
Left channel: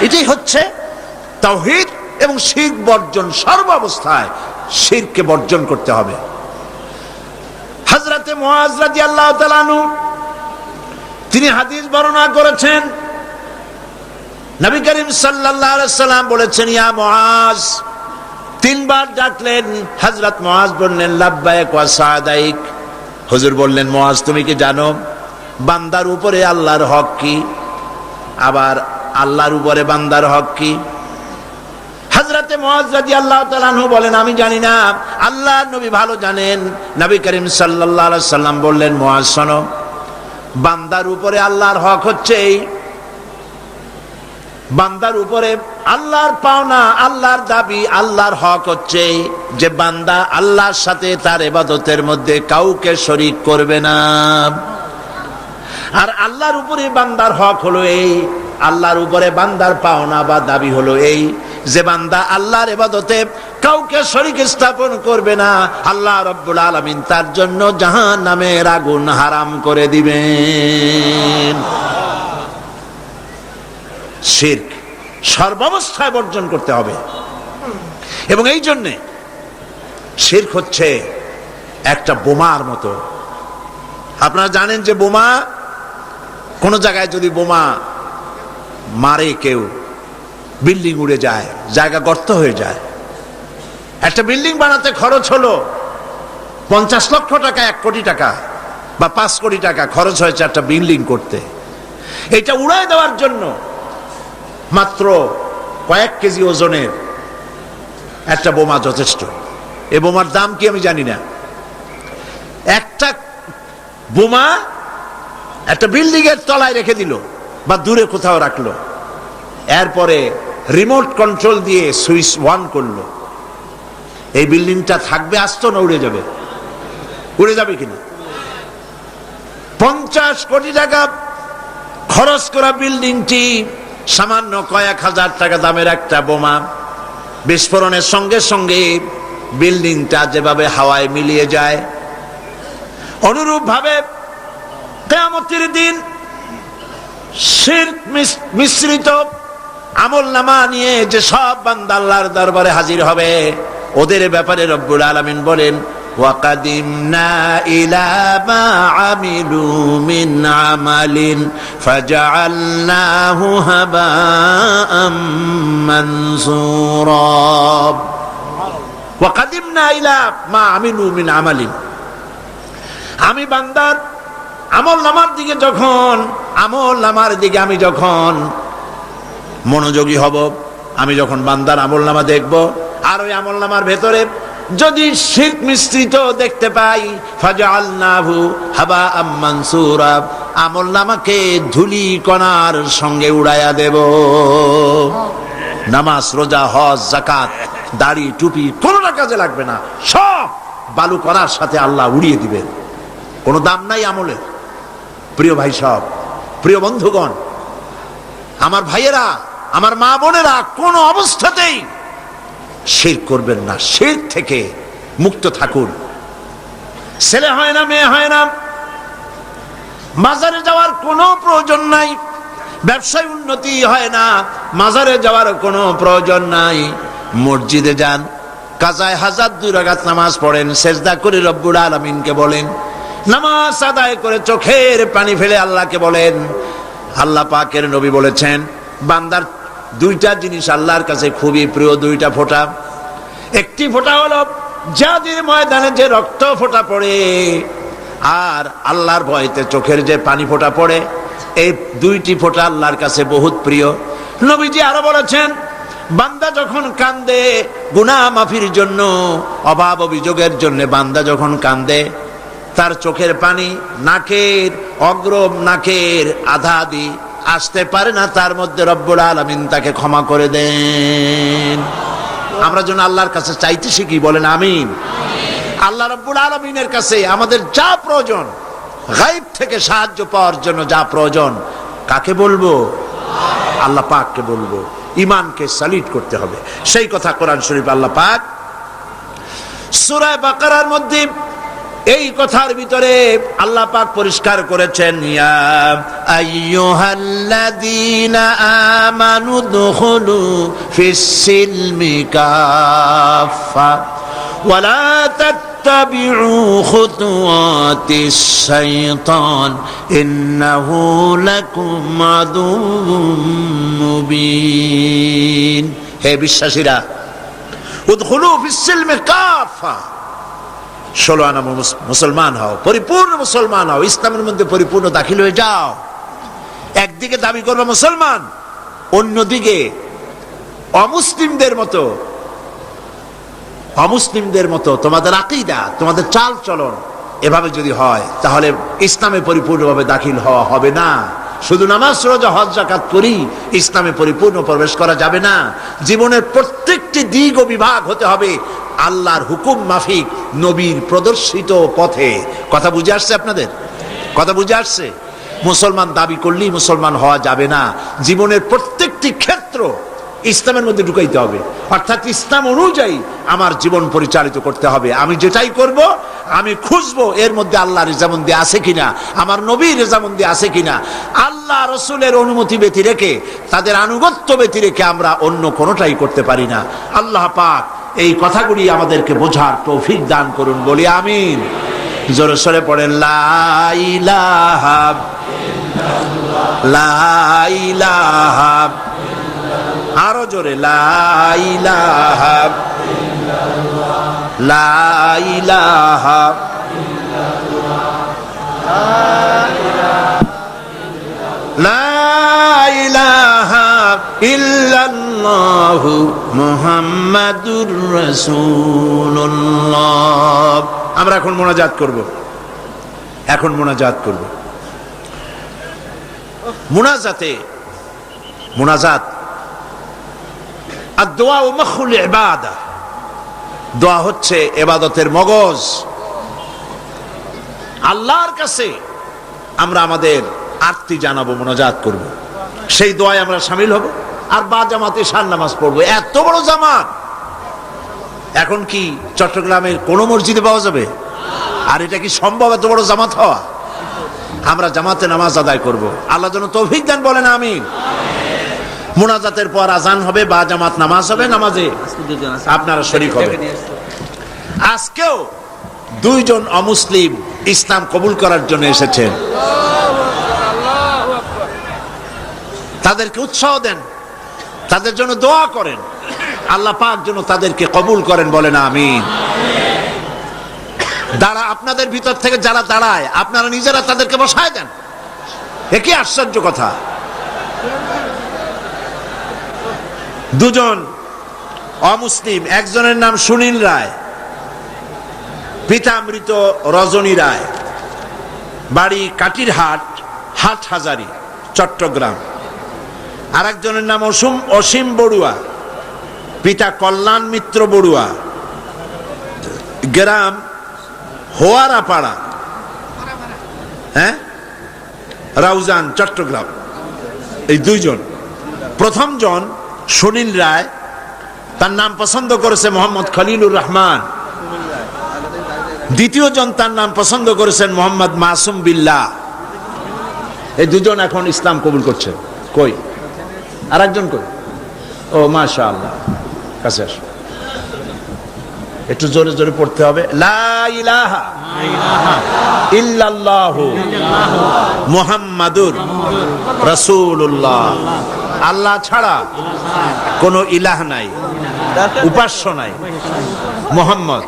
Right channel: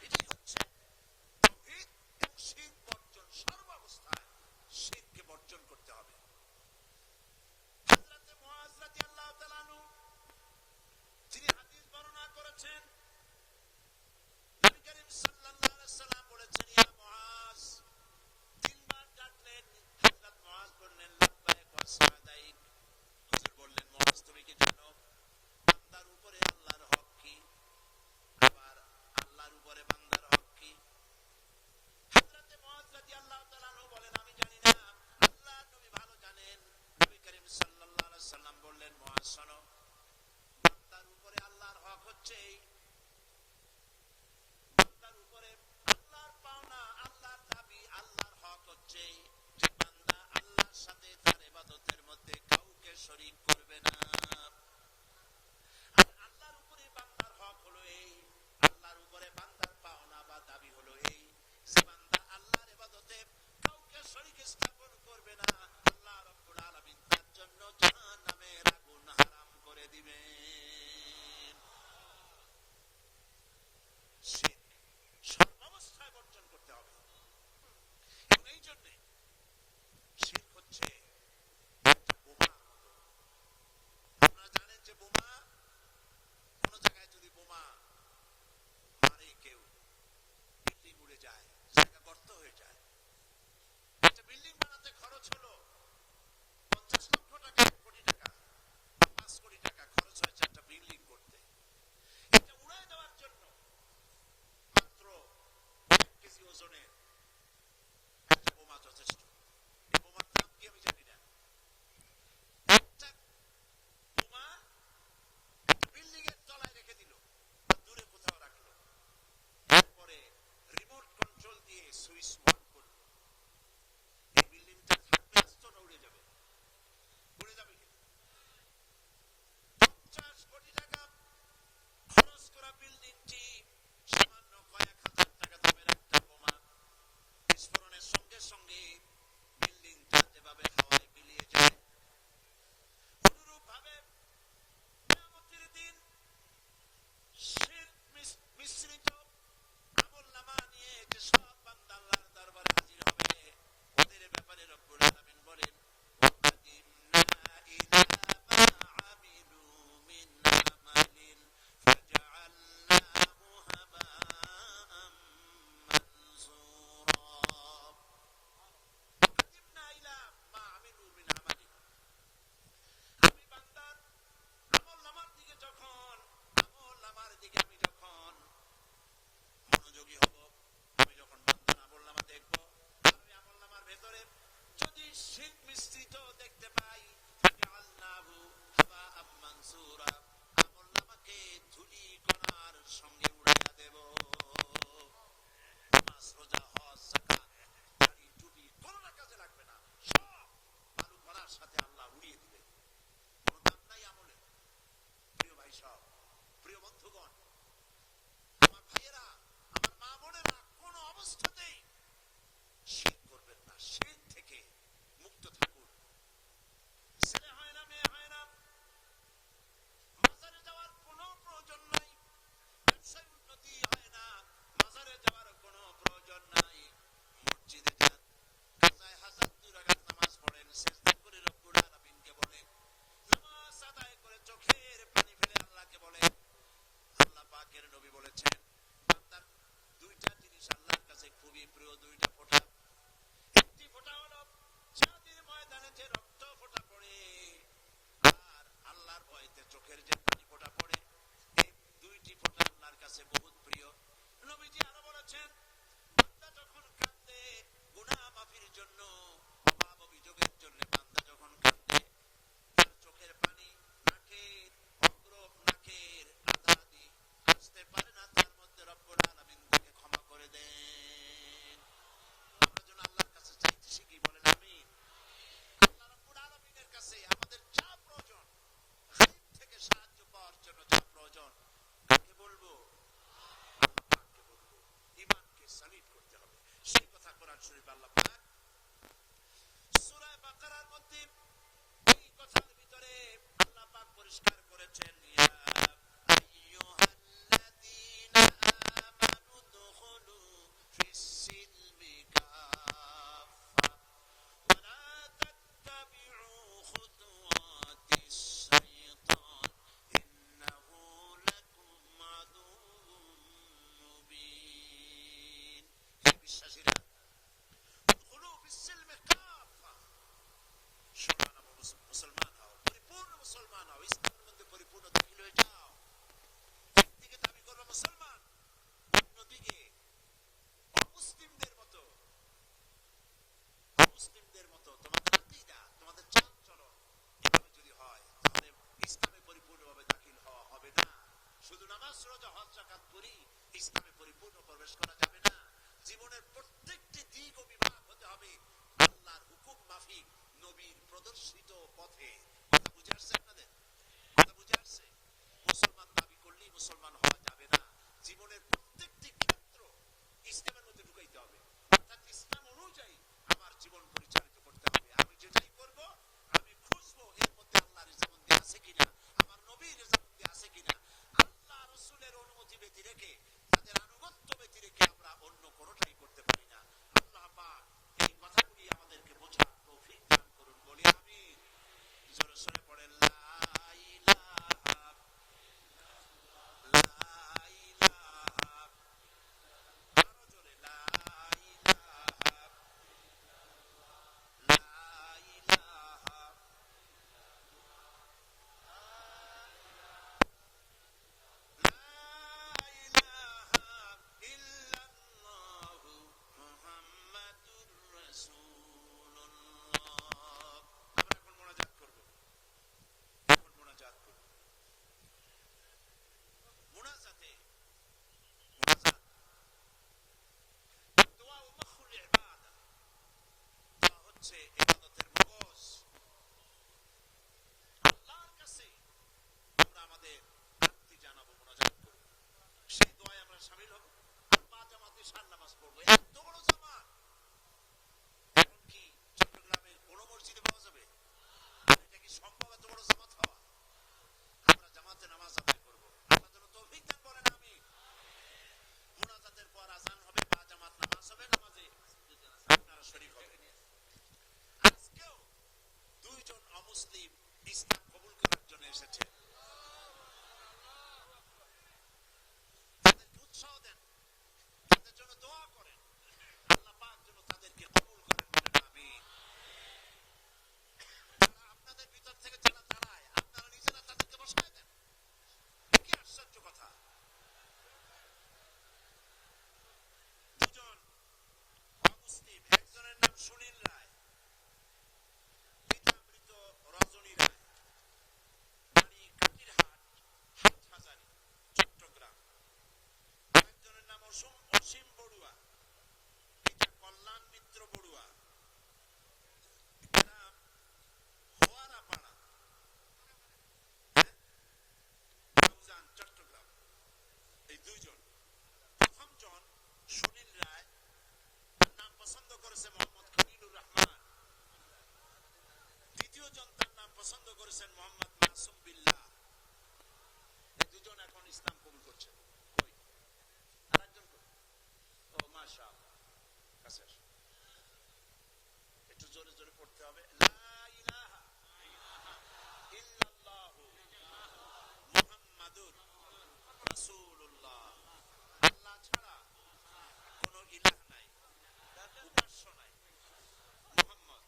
এটাই হচ্ছে তাওহীদ এবং শিরক বর্জন। সর্বাবস্থায় শিরককে বর্জন করতে হবে। হযরতে মুআজ রাদিয়াল্লাহু তাআলা আনহু তিনি হাদিস বর্ণনা করেছেন, নবী করিম সাল্লাল্লাহু আলাইহি সাল্লাম বলেছেন, ইয়া মুআজ তিনবার ডাকলেন। হযরত মুআজ বললেন লাব্বাইক ওয়া সাদাইক। হুজুর বললেন মুআজ তুমি কি জানো বান্দার উপরে আল্লাহর হক কি, আবার আল্লাহর উপরে বান্দার হক কি? হযরতে মুআজ রাদিয়াল্লাহু তাআলা আনহু বলেন আমি জানি না, আল্লাহর নবী ভালো জানেন। নবী করিম সাল্লাল্লাহু আলাইহি সাল্লাম বললেন মুআজ শোনো, বান্দার উপরে আল্লাহর হক হচ্ছে এই, বান্দার উপরে আল্লাহর পাওনা, আল্লাহর দাবি, আল্লাহর হক হচ্ছে যে বান্দা আল্লাহর সাথে তার ইবাদতের মধ্যে কাউকে শরীক করবে না। আর আল্লাহর উপরে বান্দার হক হলো এই, আল্লাহর উপরে বান্দার পাওনা বা দাবি হলো এই যে বান্দা আল্লাহর ইবাদতে কাউকে শরীক স্থাপন করবে না। আল্লাহ রাব্বুল আলামিন তার জন্য জাহান্নামের আগুন হারাম করে দিবেন। শিরক সর্বাবস্থায় বর্জন করতে হবে। এবং এই জন্যে শিরক হচ্ছে একটা বোমার মতো। আপনারা জানেন যে বোমা, কোন জায়গায় যদি বোমা মারে কেউ, বিল্ডিং উড়ে যায়, জায়গা গর্ত হয়ে যায়। একটা বিল্ডিং বানাতে খরচ হলো 50 লক্ষ টাকা, 1 কোটি টাকা বা 5 কোটি টাকা খরচ হয়েছে একটা বিল্ডিং করতে। এটা উড়ায় দেওয়ার জন্য মাত্র কয়েক কেজি ওজনের একটা বোমা যথেষ্ট। এই বোমার দাম কি আমি জানি না। একটা বোমা একটা বিল্ডিং এর তলায় রেখে দিল বা দূরে কোথাও রাখলো, এরপরে রিমোট কন্ট্রোল দিয়ে সুইচ অন করলো, এই বিল্ডিংটা থাকবে আস্ত না উড়ে যাবে? উড়ে যাবে কিনা? 50 কোটি টাকা খরচ করা বিল্ডিংটি সামান্য কয়েক হাজার টাকা দামের একটা বোমা বিস্ফোরণের সঙ্গে সঙ্গে বিল্ডিংটা যেভাবে হাওয়ায় মিলিয়ে যায়, অনুরূপ ভাবে কিয়ামতের দিন শিরক মিশ্রিত আমলনামা নিয়ে যে সব বান্দা আল্লাহর দরবারে হাজির হবে, ওদের ব্যাপারে রব্বুল আলামিন বলেন ওয়াকাদিমনা ইলা মা আমিলু মিন আমালিন ফাজআলনাহু হাবাআম মানসুরা। ওয়াকাদিমনা ইলা মা আমিলু মিন আমালিন, আমি বান্দার আমলনামার দিকে আমি যখন মনোযোগী হব, আমি যখন বান্দার আমলনামা দেখব, আর ওই আমলনামার ভেতরে যদি শিরক মিশ্রিত দেখতে পাই, ফাজআলনাহু হাবাআম মানসুরা, আমলনামাকে ধুলি কণার সঙ্গে উড়াইয়া দেব। নামাজ, রোজা, হজ, যাকাত, দাড়ি, টুপি কোনটা কাজে লাগবে না, সব বালু কণার সাথে আল্লাহ উড়িয়ে দিবেন। কোনো দাম নাই আমলের। প্রিয় ভাই সব, প্রিয় বন্ধুগণ, আমার ভাইয়েরা, আমার মা বোনেরা, কোন অবস্থাতেই শিরক করবেন না। শিরক থেকে মুক্ত থাকুন। ছেলে হয় না, মেয়ে হয় না, মাজারে যাওয়ার কোনো প্রয়োজন নাই। ব্যবসায় উন্নতি হয় না, মাজারে যাওয়ার কোনো প্রয়োজন নাই। মসজিদে যান, কাজায় হাজার 2 রাকাত নামাজ পড়েন, সেজদা করে রব্বুল আলামিনকে বলেন, নামাজ আদায় করে চোখের পানি ফেলে আল্লাহকে বলেন। আল্লাহ পাকের নবী বলেছেন বান্দার 2টা জিনিস আল্লাহর কাছে খুবই প্রিয়, 2টা ফোঁটা। একটি ফোঁটা হলো জিহাদের ময়দানে যে রক্ত ফোঁটা পড়ে, আর আল্লাহর ভয়তে চোখের যে পানি ফোঁটা পড়ে, এই 2টি ফোঁটা আল্লাহর কাছে বহুত প্রিয়। নবীজি আরো বলেছেন বান্দা যখন কান্দে গুনাহ মাফির জন্য, অভাব অভিযোগের জন্য বান্দা যখন কান্দে, তার চোখের পানি নাকের অগ্রম, নাকের আধা আধি আসতে পারে না, তার মধ্যে রব্বুল আলামিন তাকে ক্ষমা করে দেন। আমরা যেন আল্লাহর কাছে চাইতে শিখি, বলেন আমিন। আল্লাহ রব্বুল আলামিনের কাছে আমাদের যা প্রয়োজন, গায়ব থেকে সাহায্য পাওয়ার জন্য যা প্রয়োজন, কাকে বলবো? আল্লাহ পাককে বলবো। ঈমানকে সালিট করতে হবে। সেই কথা কোরআন শরীফ আল্লাহ পাক সূরা বাকারার মধ্যে এই কথার ভিতরে আল্লাহ পাক পরিষ্কার করেছেন, ইয়া আইয়ুহাল্লাযীনা আমানু দুখুলু ফিস-সিলমি কাফা ওয়া লা তাত্তাবিউ খুতুওয়াতিশ শাইতান ইন্নাহু লাকুম আদুউম মুবিন। হে বিশ্বাসীরা, উদখুলু ফিস-সিলমি কাফা, 16 আনা মুসলমান হও, পরিপূর্ণ মুসলমান হও, ইসলামের মধ্যে পরিপূর্ণ দাখিল হয়ে যাও। একদিকে দাবি করবে মুসলমান, অন্যদিকে অমুসলিমদের মতো তোমাদের আকীদা, তোমাদের চাল চলন এভাবে যদি হয়, তাহলে ইসলামে পরিপূর্ণভাবে দাখিল হওয়া হবে না। শুধু নামাজ, রোজা, হজ, যাকাত করি ইসলামে পরিপূর্ণ প্রবেশ করা যাবে না। জীবনের প্রত্যেকটি দিক ও বিভাগ হতে হবে আল্লাহর হুকুম মাফিক, নবীর প্রদর্শিত পথে। কথা বুঝে আসছে আপনাদের? কথা বুঝে আসছে? মুসলমান দাবি করলেই মুসলমান হওয়া যাবে না। জীবনের প্রত্যেকটি ক্ষেত্র ইসলামের মধ্যে ঢুকাইতে হবে, অর্থাৎ ইসলাম অনুযায়ী আমার জীবন পরিচালিত করতে হবে। আমি যেটাই করব আমি খুঁজবো এর মধ্যে আল্লাহর রেজামন্দি আছে কিনা, আমার নবীর রেজামন্দি আছে কিনা। আল্লাহ রসুলের অনুমতি ব্যতি রেখে, তাদের আনুগত্য ব্যতি রেখে আমরা অন্য কোনোটাই করতে পারি না। আল্লাহ পাক এই কথাগুলি আমাদেরকে বোঝার তৌফিক দান করুন, বলি আমিন। জোরে সরে পড়েন লা ইলাহা লা ইলাহা, আরো জোরে লা ইলাহা লা ইলাহা লা ইলাহা ইল্লাল্লাহু মুহাম্মাদুর রাসূলুল্লাহ। আমরা এখন মোনাজাত করব, মোনাজাত আর-দোয়া ও মুখুল ইবাদা। দোয়া হচ্ছে ইবাদতের মগজ। আল্লাহর কাছে আমরা আমাদের আরতি জানাবো, মোনাজাত করব, সেই দোয়ায় আমরা শামিল হব, আর বা জামাতে শান নামাজ পড়বো। এত বড় জামাত এখন কি চট্টগ্রামের কোন মসজিদে পাওয়া যাবে? আর এটা কি সম্ভব এত বড় জামাত হওয়া? আমরা জামাতে নামাজ আদায় করব। আল্লাহ যেন তৌফিক দেন, বলেন আমিন। মুনাজাতের পর আজান হবে, বা জামাত নামাজ হবে, নামাজে আপনারা শরীক হবেন। আজকেও 2 জন অমুসলিম ইসলাম কবুল করার জন্য এসেছেন। তাদেরকে উৎসাহ দেন, তাদের জন্য দোয়া করেন, আল্লাহ পাক যেন তাদেরকে কবুল করেন, বলেন আমিন। আপনাদের ভিতর থেকে যারা দাঁড়ায়, আপনারা নিজেরা তাদেরকে বসায় দেন। একই আশ্চর্য কথা। 2 জন অমুসলিম, একজনের নাম সুনীল রায়, পিতা মৃত রজনী রায়, বাড়ি কাটিরহাট, হাটহাজারী, চট্টগ্রাম। আর একজনের নাম অসীম বড়ুয়া, পিতা কল্যাণ মিত্র বড়ুয়া, গ্রাম হোয়ারাপাড়া, রাউজান, চট্টগ্রাম। এই 2 জন। প্রথম জন সুনীল রায়, তার নাম পছন্দ করেছে মোহাম্মদ খলিলুর রহমান। দ্বিতীয় জন তার নাম পছন্দ করেছেন মোহাম্মদ মাসুম বিল্লাহ। এই 2 জন এখন ইসলাম কবুল করছে। কই আর একজন? কই? ও মাশাআল্লাহ, কাছে আসো। একটু জোরে জোরে পড়তে হবে। লা ইলাহা ইল্লাল্লাহু মুহাম্মাদুর রাসূলুল্লাহ। আল্লাহ ছাড়া কোনো ইলাহ নাই, উপাস্য নাই। মুহাম্মদ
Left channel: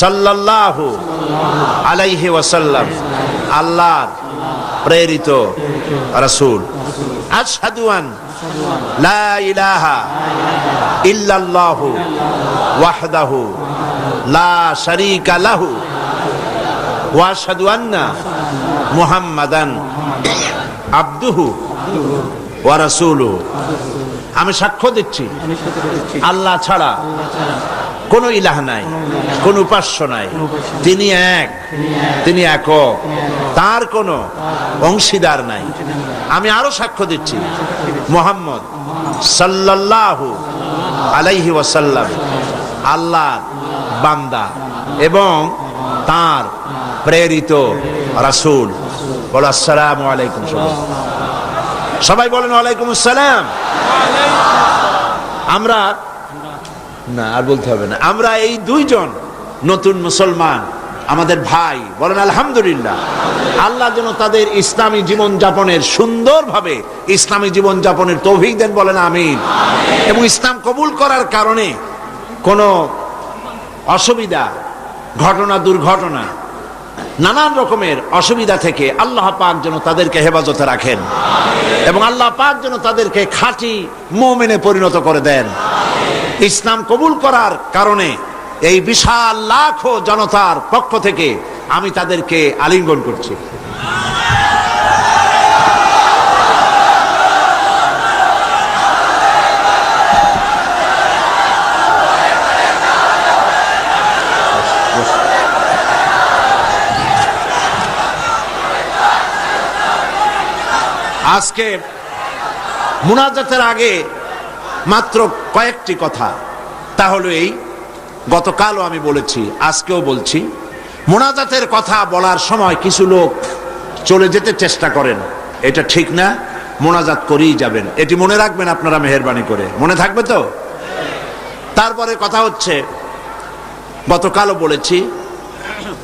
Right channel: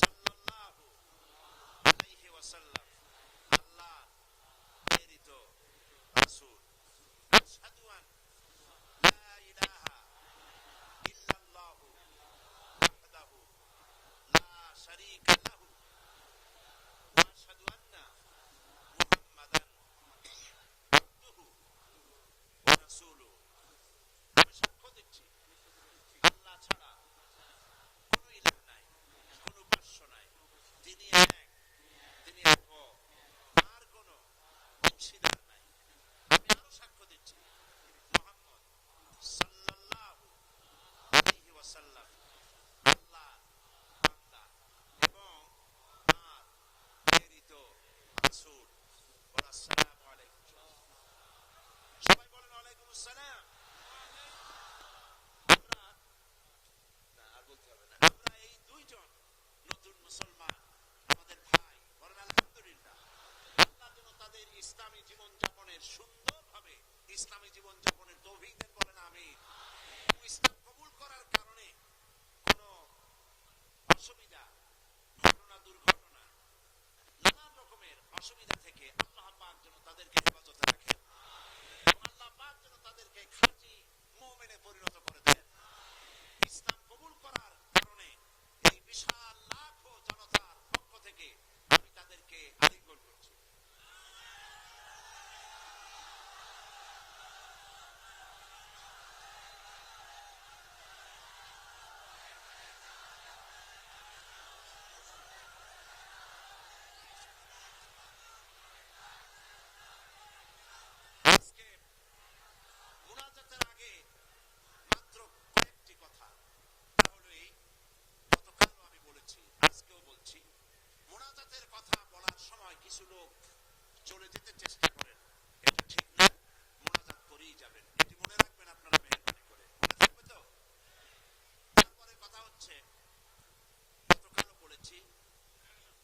সাল্লাল্লাহু আলাইহি ওয়াসাল্লাম আল্লাহর প্রেরিত রাসূল। আশহাদু আন লা ইলাহা ইল্লাল্লাহু ওয়াহদাহু লা শারীকা লাহু ওয়া আশহাদু আন্না মুহাম্মাদান আবদুহু ওয়া রাসূলুহু। আমি সাক্ষ্য দিচ্ছি আল্লাহ ছাড়া কোন ইলাহ নাই, কোন উপাস্য নাই। তিনি এক, তিনি একক, তার কোনো অংশীদার নাই। আমি আরো সাক্ষ্য দিচ্ছি মুহাম্মদ সাল্লাল্লাহু আলাইহি ওয়াসাল্লাম আল্লাহর বান্দা এবং তার প্রেরিত রাসূল। বলো আসসালামু আলাইকুম। সবাই বলেন ওয়ালাইকুম আসসালাম। আমরা না, আর বলতে হবে না। আমরা এই 2 জন নতুন মুসলমান, আমাদের ভাই, বলেন আলহামদুলিল্লাহ। আল্লাহ যেন তাদের ইসলামী জীবন যাপনের, সুন্দরভাবে ইসলামী জীবন যাপনের তৌফিক দেন, বলেন আমিন। এবং ইসলাম কবুল করার কারণে কোনো অসুবিধা, ঘটনা, দুর্ঘটনা, নানান রকমের অসুবিধা থেকে আল্লাহ পাক যেন তাদেরকে হেফাজতে রাখেন এবং আল্লাহ পাক যেন তাদেরকে খাঁটি মুমিনে পরিণত করে দেন। ইসলাম কবুল করার কারণে এই বিশাল লাখো জনতার পক্ষ থেকে আমি তাদেরকে আলিঙ্গন করছি। আজকে মুনাজাতের আগে মাত্র কয়েকটি কথা, তা হলো এই, গতকালও আমি বলেছি, আজকেও বলছি, মুনাজাতের কথা বলার সময় কিছু লোক চলে যেতে চেষ্টা করেন, এটা ঠিক না, মুনাজাত করেই যাবেন, এটি মনে রাখবেন আপনারা মেহেরবানি করে, মনে থাকবে তো? তারপরে কথা হচ্ছে, গতকালও বলেছি,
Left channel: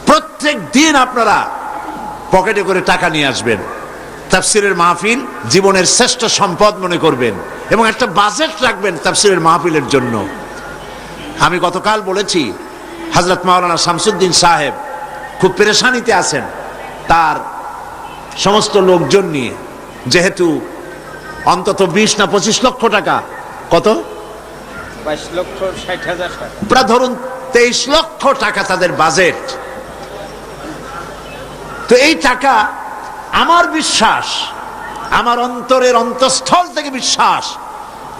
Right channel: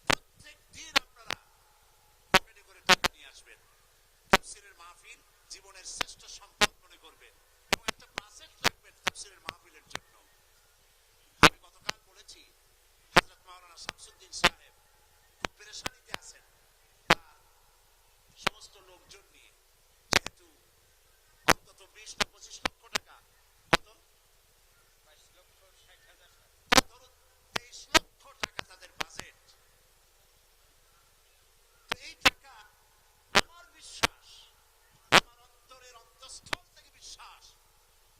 প্রত্যেক দিন আপনারা পকেটে করে টাকা নিয়ে আসবেন, তাফসিরের মাহফিল জীবনের শ্রেষ্ঠ সম্পদ মনে করবেন এবং একটা বাজেট রাখবেন তাফসিরের মাহফিলের জন্য। আমি গতকাল বলেছি, হযরত মাওলানা শামসুদ্দিন সাহেব খুব পেরেশানিতে আছেন তার সমস্ত লোকজন নিয়ে, যেহেতু অন্তত 20 না 25 লক্ষ টাকা, কত 22,60,000 টাকা, প্রায় ধরুন 23 লক্ষ টাকা তাদের বাজেট। তো এই টাকা, আমার বিশ্বাস, আমার অন্তরের অন্তঃস্থল থেকে বিশ্বাস,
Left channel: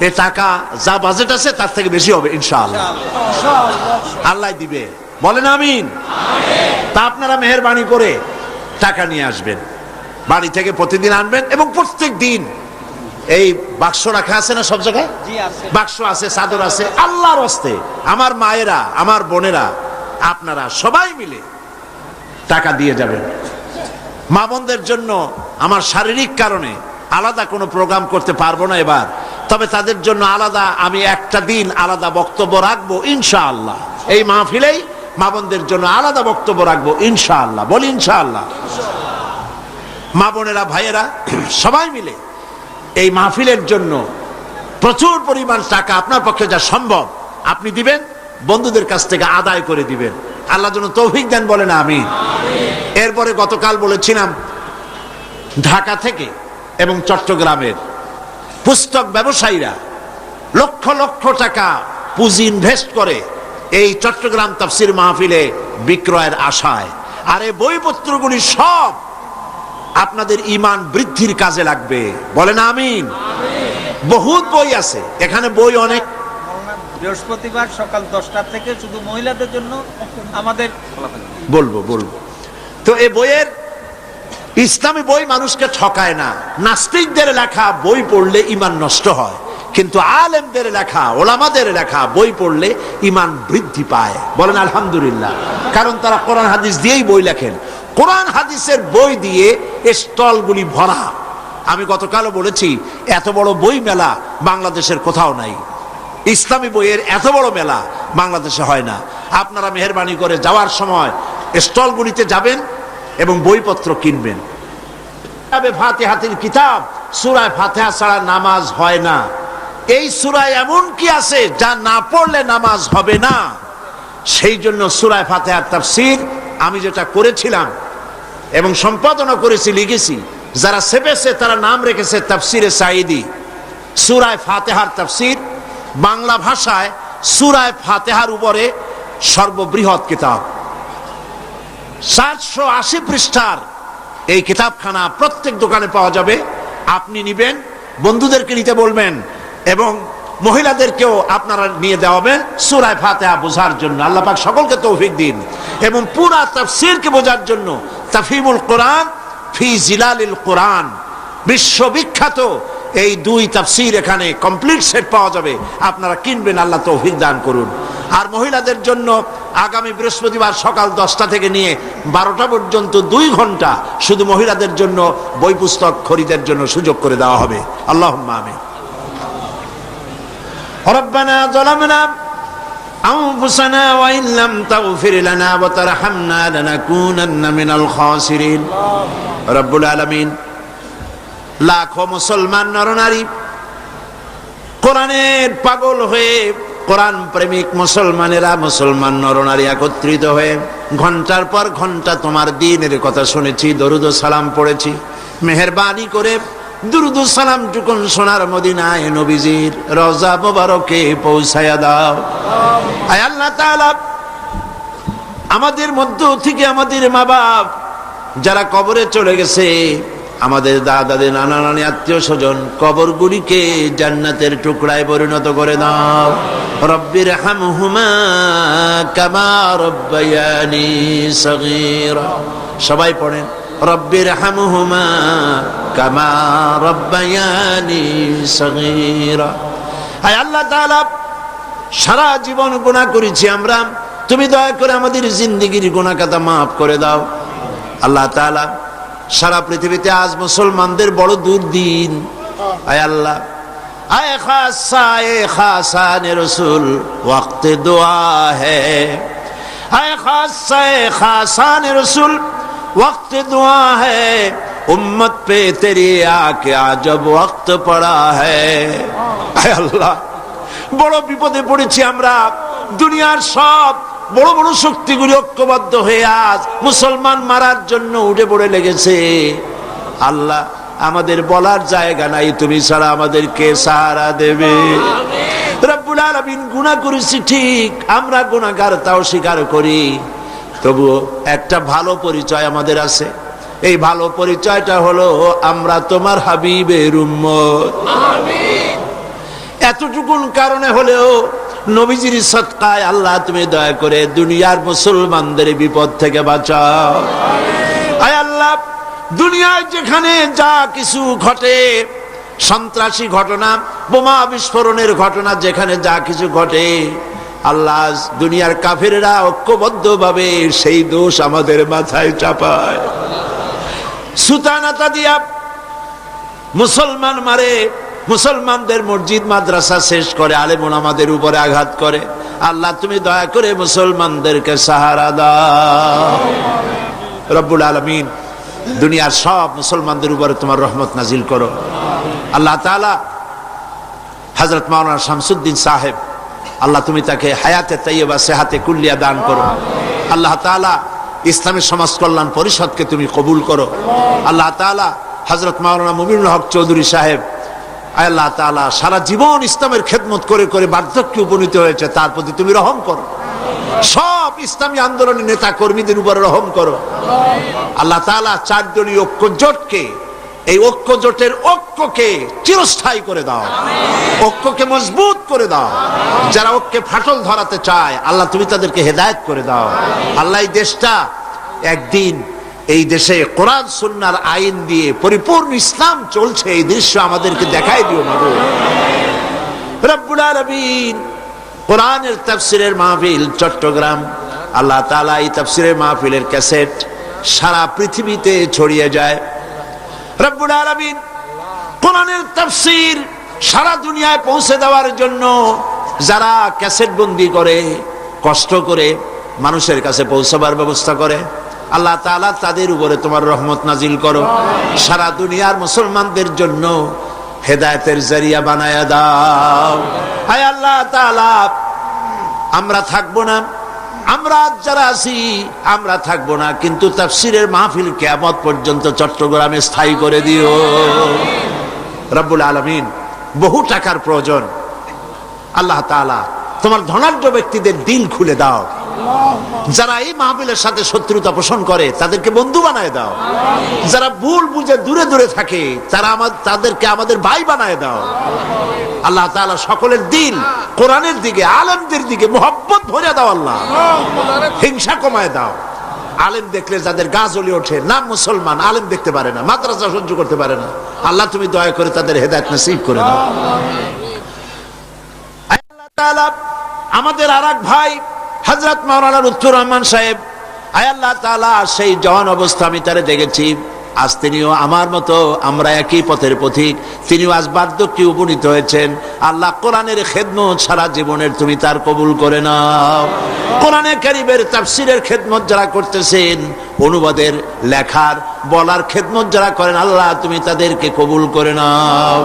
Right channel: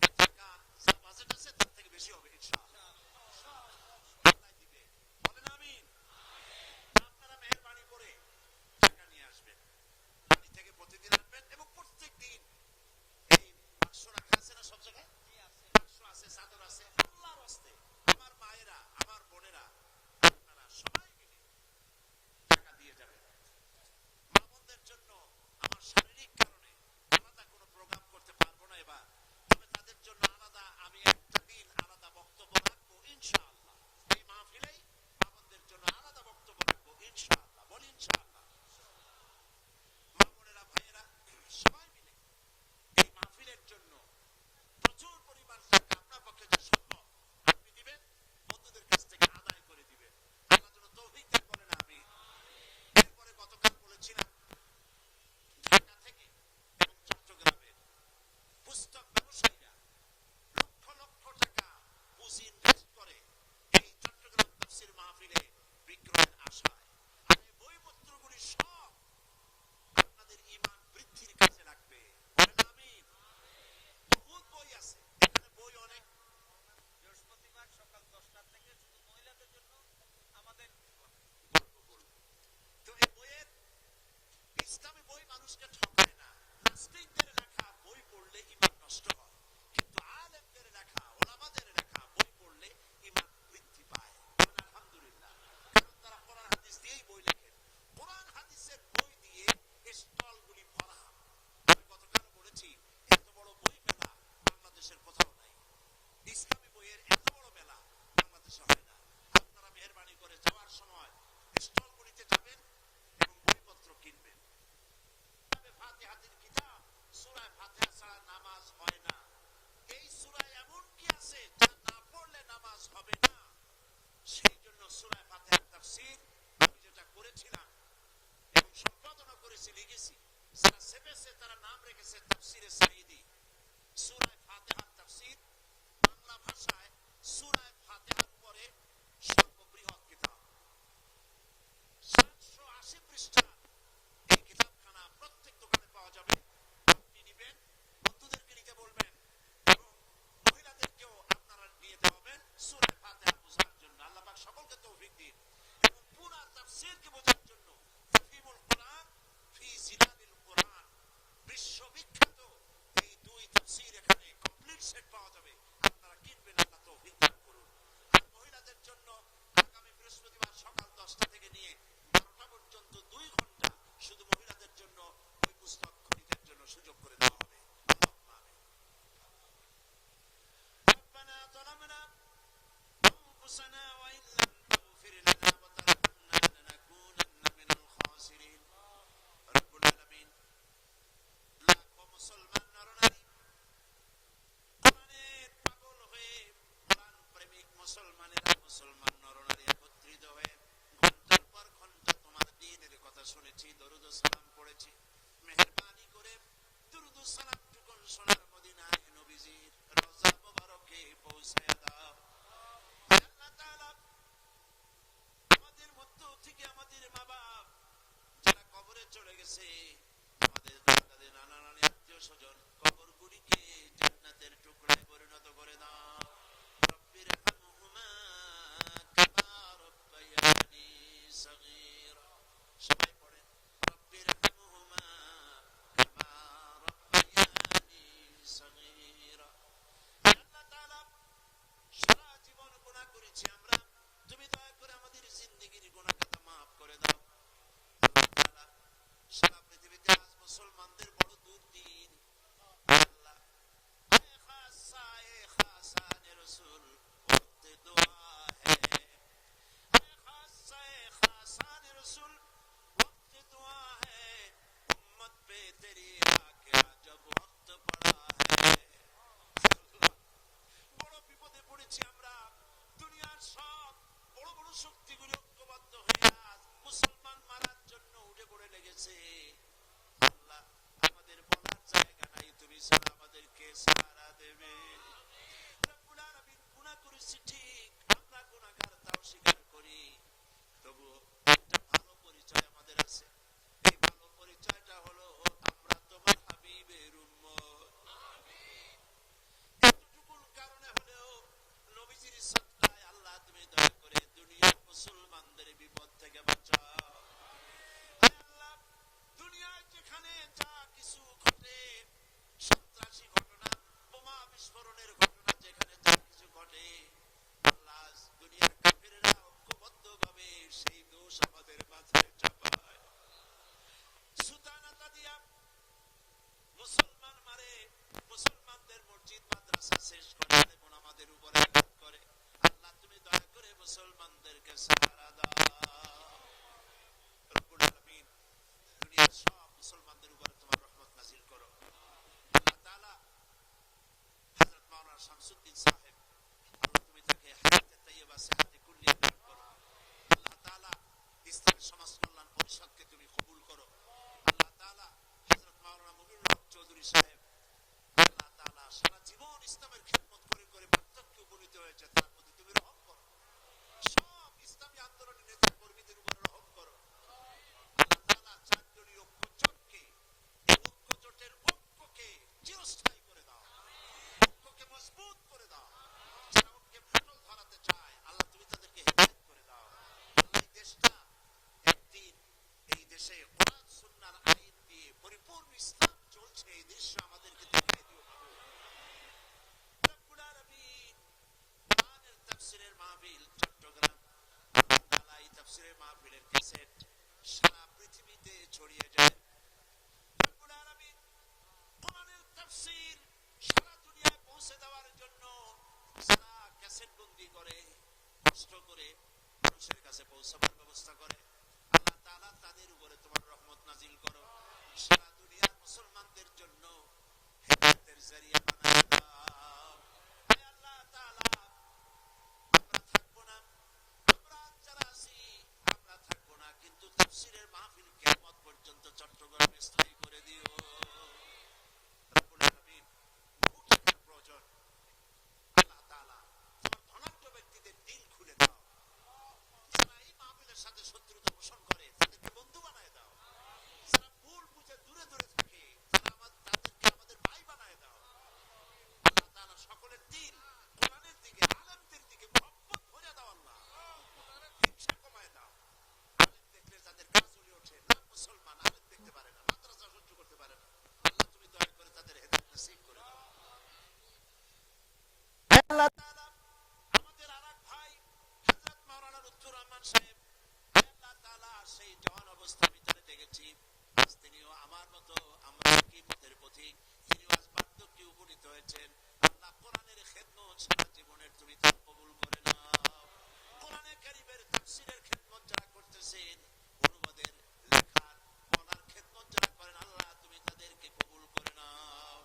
এই টাকা যা বাজেট আছে তার থেকে বেশি হবে ইনশাআল্লাহ, আল্লাহ দিবে, বলেন আমিন। তা আপনারা মেহেরবানি করে টাকা নিয়ে আসবেন, বাড়ি থেকে প্রতিদিন আনবেন এবং প্রত্যেক দিন এই বাক্স রাখা আছে না সব জায়গায়, বাক্স আছে, চাদর আছে, আল্লাহর হস্তে আমার মায়েরা, আমার বোনেরা, আপনারা সবাই মিলে টাকা দিয়ে যাবেন। মা বোনদের জন্য আমার শারীরিক কারণে আলাদা কোনো প্রোগ্রাম করতে পারবো না এবার, তবে তাদের জন্য আলাদা আমি একটা দিন আলাদা বক্তব্য রাখবো ইনশাআল্লাহ, এই মাহফিলেই মা বোনদের জন্য আলাদা বক্তব্য রাখবো ইনশাআল্লাহ, বলি ইনশাআল্লাহ। মা বোনেরা, ভাইয়েরা, সবাই মিলে এই মাহফিলের জন্য প্রচুর পরিমাণ টাকা আপনার পক্ষে যা সম্ভব আপনি দিবেন, বন্ধুদের কাছ থেকে আদায় করে দিবেন, আল্লাহ যেন তৌফিক দেন, বলেন আমিন। এরপরে গতকাল বলেছিলাম, ঢাকা থেকে এবং চট্টগ্রামের পুস্তক ব্যবসায়ীরা লক্ষ লক্ষ টাকা পুঁজি ইনভেস্ট করে এই চট্টগ্রাম তাফসীর মাহফিলে বিক্রয়ের আশায়, আর এই বইপত্রগুলি সব আপনাদের ঈমান বৃদ্ধির কাজে লাগবে, বলেন আমিন। বহুত বই আছে এখানে, বই অনেক। বৃহস্পতিবার সকাল 10টা থেকে শুধু মহিলাদের জন্য আমাদের বলবো। তো এই বইয়ের, ইসলামী বই মানুষকে ঠকায় না, নাস্তিকদের লেখা বই পড়লে ঈমান নষ্ট হয়, কিন্তু আলেমদের লেখা, ওলামাদের লেখা বই পড়লে ঈমান বৃদ্ধি পায়, বলেন আলহামদুলিল্লাহ। কারণ তারা কোরআন হাদিস দিয়েই বই লেখেন, কোরআন হাদিসের বই দিয়ে স্টলগুলি ভরা। আমি গতকালও বলেছি, এত বড় বই মেলা বাংলাদেশের কোথাও নাই, ইসলামী বইয়ের এত বড় মেলা বাংলাদেশে হয় না। আপনারা মেহেরবানি করে যাওয়ার সময় স্টলগুলিতে যাবেন এবং বইপত্র কিনবেন। ফাতিহাতুল কিতাব, সূরা ফাতিহা ছাড়া নামাজ হয় না। এই সূরায় এমন কি আছে যা না পড়লে নামাজ হবে না? সেই জন্য সূরা ফাতিহার তাফসীর আমি যেটা করেছিলাম এবং সম্পাদনা করেছি, লিখেছি, যারা সেপেছে তারা নাম রেখেছে তাফসীরে সাঈদী। সূরা ফাতিহার তাফসীর বাংলা ভাষায় সূরা ফাতিহার উপরে সর্ববৃহৎ কিতাব, 780 পৃষ্ঠার এই কিতাবখানা প্রত্যেক দোকানে পাওয়া যাবে। আপনি নিবেন, বন্ধুদেরকে নিতে বলবেন এবং মহিলাদেরকেও আপনারা নিয়ে দেওয়াবেন সূরা ফাতিহা বোঝার জন্য। আল্লাহ পাক সকলকে তৌফিক দিন এবং পুরা তাফসীরকে বোঝার জন্য তাফহিমুল কোরআন ফি জিলালিল কোরআন, বিশ্ববিখ্যাত এই 2 তাফসীর এখানে কমপ্লিট সেট পাওয়া যাবে, আপনারা কিনবেন, আল্লাহ তৌফিক দান করুন। আর মহিলাদের জন্য আগামী বৃহস্পতিবার সকাল 10টা থেকে নিয়ে 12টা পর্যন্ত 2 ঘন্টা শুধু মহিলাদের জন্য বই পুস্তক খরিদের জন্য সুযোগ করে দেওয়া হবে। আল্লাহুম্মা আমিন। রব্বানা যালামনা আনফুসানা ওয়া ইন লাম তাগফির লানা ওয়া তারহামনা লানাকুনান্না মিনাল খাসিরিন। রব্বুল আলামিন লাখো মুসলমান নরনারী কোরআনের পাগল হয়ে কোরআন প্রেমিক মুসলমানেরা, মুসলমান নরনারী একত্রিত হয়ে ঘন্টার পর ঘন্টা তোমার দ্বীনের কথা শুনেছি, দরুদ ও সালাম পড়েছি। মেহেরবানি করে দুরুদ ও সালাম টুকুন সোনার মদিনায় নবীজির রওজা মোবারকে পৌঁছায়া দাও। আয় আল্লাহ তাআলা, আমাদের মধ্য থেকে আমাদের মা বাপ যারা কবরে চলে গেছে, আমাদের দাদাদের নানা নানি আত্মীয় স্বজন, কবরগুলিকে জান্নাতের টুকরায় পরিণত করে দাও। রব্বির হামহুমা কামা রব্বায়ানি সগীরা। সবাই পড়েন, রব্বির হামহুমা কামা রব্বায়ানি সগীরা। হায় আল্লাহ তাআলা, সারা জীবন গুনাহ করেছি আমরা, তুমি দয়া করে আমাদের জিন্দেগির গুনাহ খাতা মাফ করে দাও। আল্লাহ তাআলা, সারা পৃথিবীতে আজ মুসলমানদের বড় দুর্দিন। আয় আল্লাহ, আয় খাসা এ খাসানে রসুল ওয়াক্তে দোয়া হ্যায়, আয় খাসা এ খাসানে রসুল ওয়াক্তে দোয়া হ্যায়, উম্মত পে তেরি আকে আজব ওয়াক্ত পড়া হ্যায়। আয় আল্লাহ, বড় বিপদে পড়েছি আমরা। দুনিয়ার সব বড় বড় শক্তিগুলি ঐক্যবদ্ধ হয়ে আজ মুসলমান মারার জন্য উঠে পড়ে লেগেছে। আল্লাহ, আমাদের বলার জায়গা নাই, তুমি ছাড়া আমাদের কে সাহারা দেবে? রব্বুল আলামিন, গুনাহ করেছি ঠিক, আমরা গুনাহগার তাও স্বীকার করি, তবুও একটা ভালো পরিচয় আমাদের আছে। এই ভালো পরিচয়টা হলো আমরা তোমার হাবিবের উম্মত। এতটুকুন কারণে হলেও নবীজির সদকায় আল্লাহ তুমি দয়া করে দুনিয়ার মুসলমানদের বিপদ থেকে বাঁচাও। আয় আল্লাহ, দুনিয়ায় যেখানে যা কিছু ঘটে, সন্ত্রাসী ঘটনা, বোমা বিস্ফোরণের ঘটনা, যেখানে যা কিছু ঘটে, আল্লাহ দুনিয়ার কাফেররা ঐক্যবদ্ধ ভাবে সেই দোষ আমাদের মাথায় চাপায়। সুতানাতা দিয়া মুসলমান মারে, মুসলমানদের মসজিদ মাদ্রাসা শেষ করে, আলেম ওলামাদের উপরে আঘাত করে। আল্লাহ তুমি দয়া করে মুসলমানদেরকে সাহারা দাও। রব্বুল আলামিন, দুনিয়ার সব মুসলমানদের উপরে তোমার রহমত নাজিল করো। আল্লাহ তাআলা, হযরত মাওলানা শামসুদ্দিন সাহেব, আল্লাহ তুমি তাকে হায়াতে তাইয়্যিবা সেহাতে কুল্লিয়া দান করো। আল্লাহ তাআলা, ইসলামী সমাজ কল্যাণ পরিষদকে তুমি কবুল করো। আল্লাহ তাআলা, হযরত মাওলানা মুমিনুল হক চৌধুরী সাহেব, আল্লাহ তাআলা সারা জীবন ইসলামের খেদমত করে করে বার্ধক্যে উপনীত হয়েছে, তার প্রতি তুমি রহম করো। সব ইসলামী আন্দোলনের নেতা কর্মীদের উপরে রহম করো। আল্লাহ তাআলা, চারজনী ঐক্য জোটকে, এই ঐক্য জোটের ঐক্যকে চিরস্থায়ী করে দাও, ঐক্যকে মজবুত করে দাও। যারা ঐক্যে ফাটল ধরাতে চায়, আল্লাহ তুমি তাদেরকে হেদায়েত করে দাও। আল্লাহ, এই দেশটা একদিন, এই দেশে কোরআন সুন্নাহর আইন দিয়ে পরিপূর্ণ ইসলাম চলছে, এই দৃশ্য আমাদেরকে দেখাই দিও মাবুদ। রব্বুল আলামিন, কোরআনের তাফসীরের মাহফিল চট্টগ্রাম, আল্লাহ তাআলা এই তাফসীরের মাহফিলের ক্যাসেট সারা পৃথিবীতে ছড়িয়ে যায়। রব্বুল আলামিন, কোরআনের তাফসীর সারা দুনিয়ায় পৌঁছে দেওয়ার জন্য যারা ক্যাসেট বন্দি করে, কষ্ট করে মানুষের কাছে পৌঁছাবার ব্যবস্থা করে, আল্লাহ তাআলা তাদের উপরে তোমার রহমত নাজিল করো। সারা দুনিয়ার মুসলমানদের জন্য হেদায়েতের জরিয়া বানায়া দাও। হায় আল্লাহ তাআলা, আমরা থাকবো না, আমরা যারা আছি আমরা থাকবো না, কিন্তু তাফসীরের মাহফিল কিয়ামত পর্যন্ত চট্টগ্রামে স্থায়ী করে দিও। রব্বুল আলামিন, বহু টাকার প্রয়োজন, আল্লাহ তাআলা তোমার ধনাঢ্য ব্যক্তিদের দিল খুলে দাও। যারা এই মাহফিলের সাথে শত্রুতা পোষণ করে তাদেরকে বন্ধু বানায় দাও। যারা ভুল বুঝে দূরে দূরে থাকে তাদেরকে আমাদের ভাই বানায় দাও। আল্লাহ তাআলা সকলের দিল কোরআনের দিকে, আলেমদের দিকে মোহাব্বত ভরে দাও। আল্লাহ, হিংসা কমায় দাও। আলেম দেখলে যাদের গা জ্বলে ওঠে, নাম মুসলমান, আলেম দেখতে পারে না, মাদ্রাসা সহ্য করতে পারে না, আল্লাহ তুমি দয়া করে তাদের হেদায়েত নসিব করে দাও। আল্লাহ তাআলা, আমাদের আরেক ভাই হযরত মাওলানা লুৎফুর রহমান সাহেব, আয় আল্লাহ তাআলা, সেই জওয়ান অবস্থা আমি তারে দেখেছি। আজ তিনিও আমার মতো, আমরা একই পথের পথিক, তিনিও আজ বার্ধক্যে উপনীত হয়েছেন। আল্লাহ, কোরআনের খেদমত সারা জীবনের তুমি তার কবুল করে নাও। কোরআনে কারীমের তাফসীরের খেদমত যারা করতেছেন, অনুবাদের, লেখার, বলার খেদমত যারা করেন, আল্লাহ তুমি তাদেরকে কবুল করে নাও।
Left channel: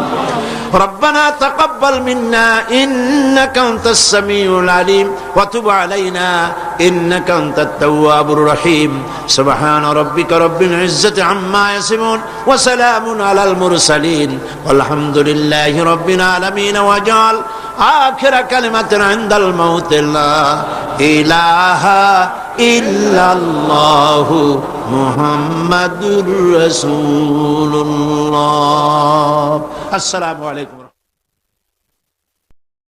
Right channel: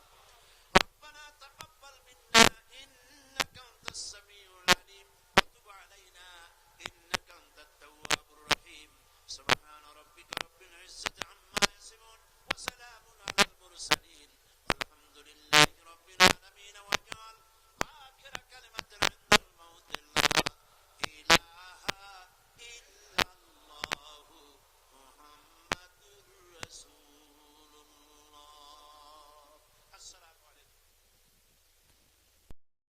ربنا تقبل منا إنك أنت السميع العليم وتب علينا إنك أنت التواب الرحيم سبحان ربك رب العزة عما يصفون وسلام على المرسلين والحمد لله رب العالمين وجعل آخر كلمة عند الموت لا إله إلا الله محمد رسول الله السلام عليكم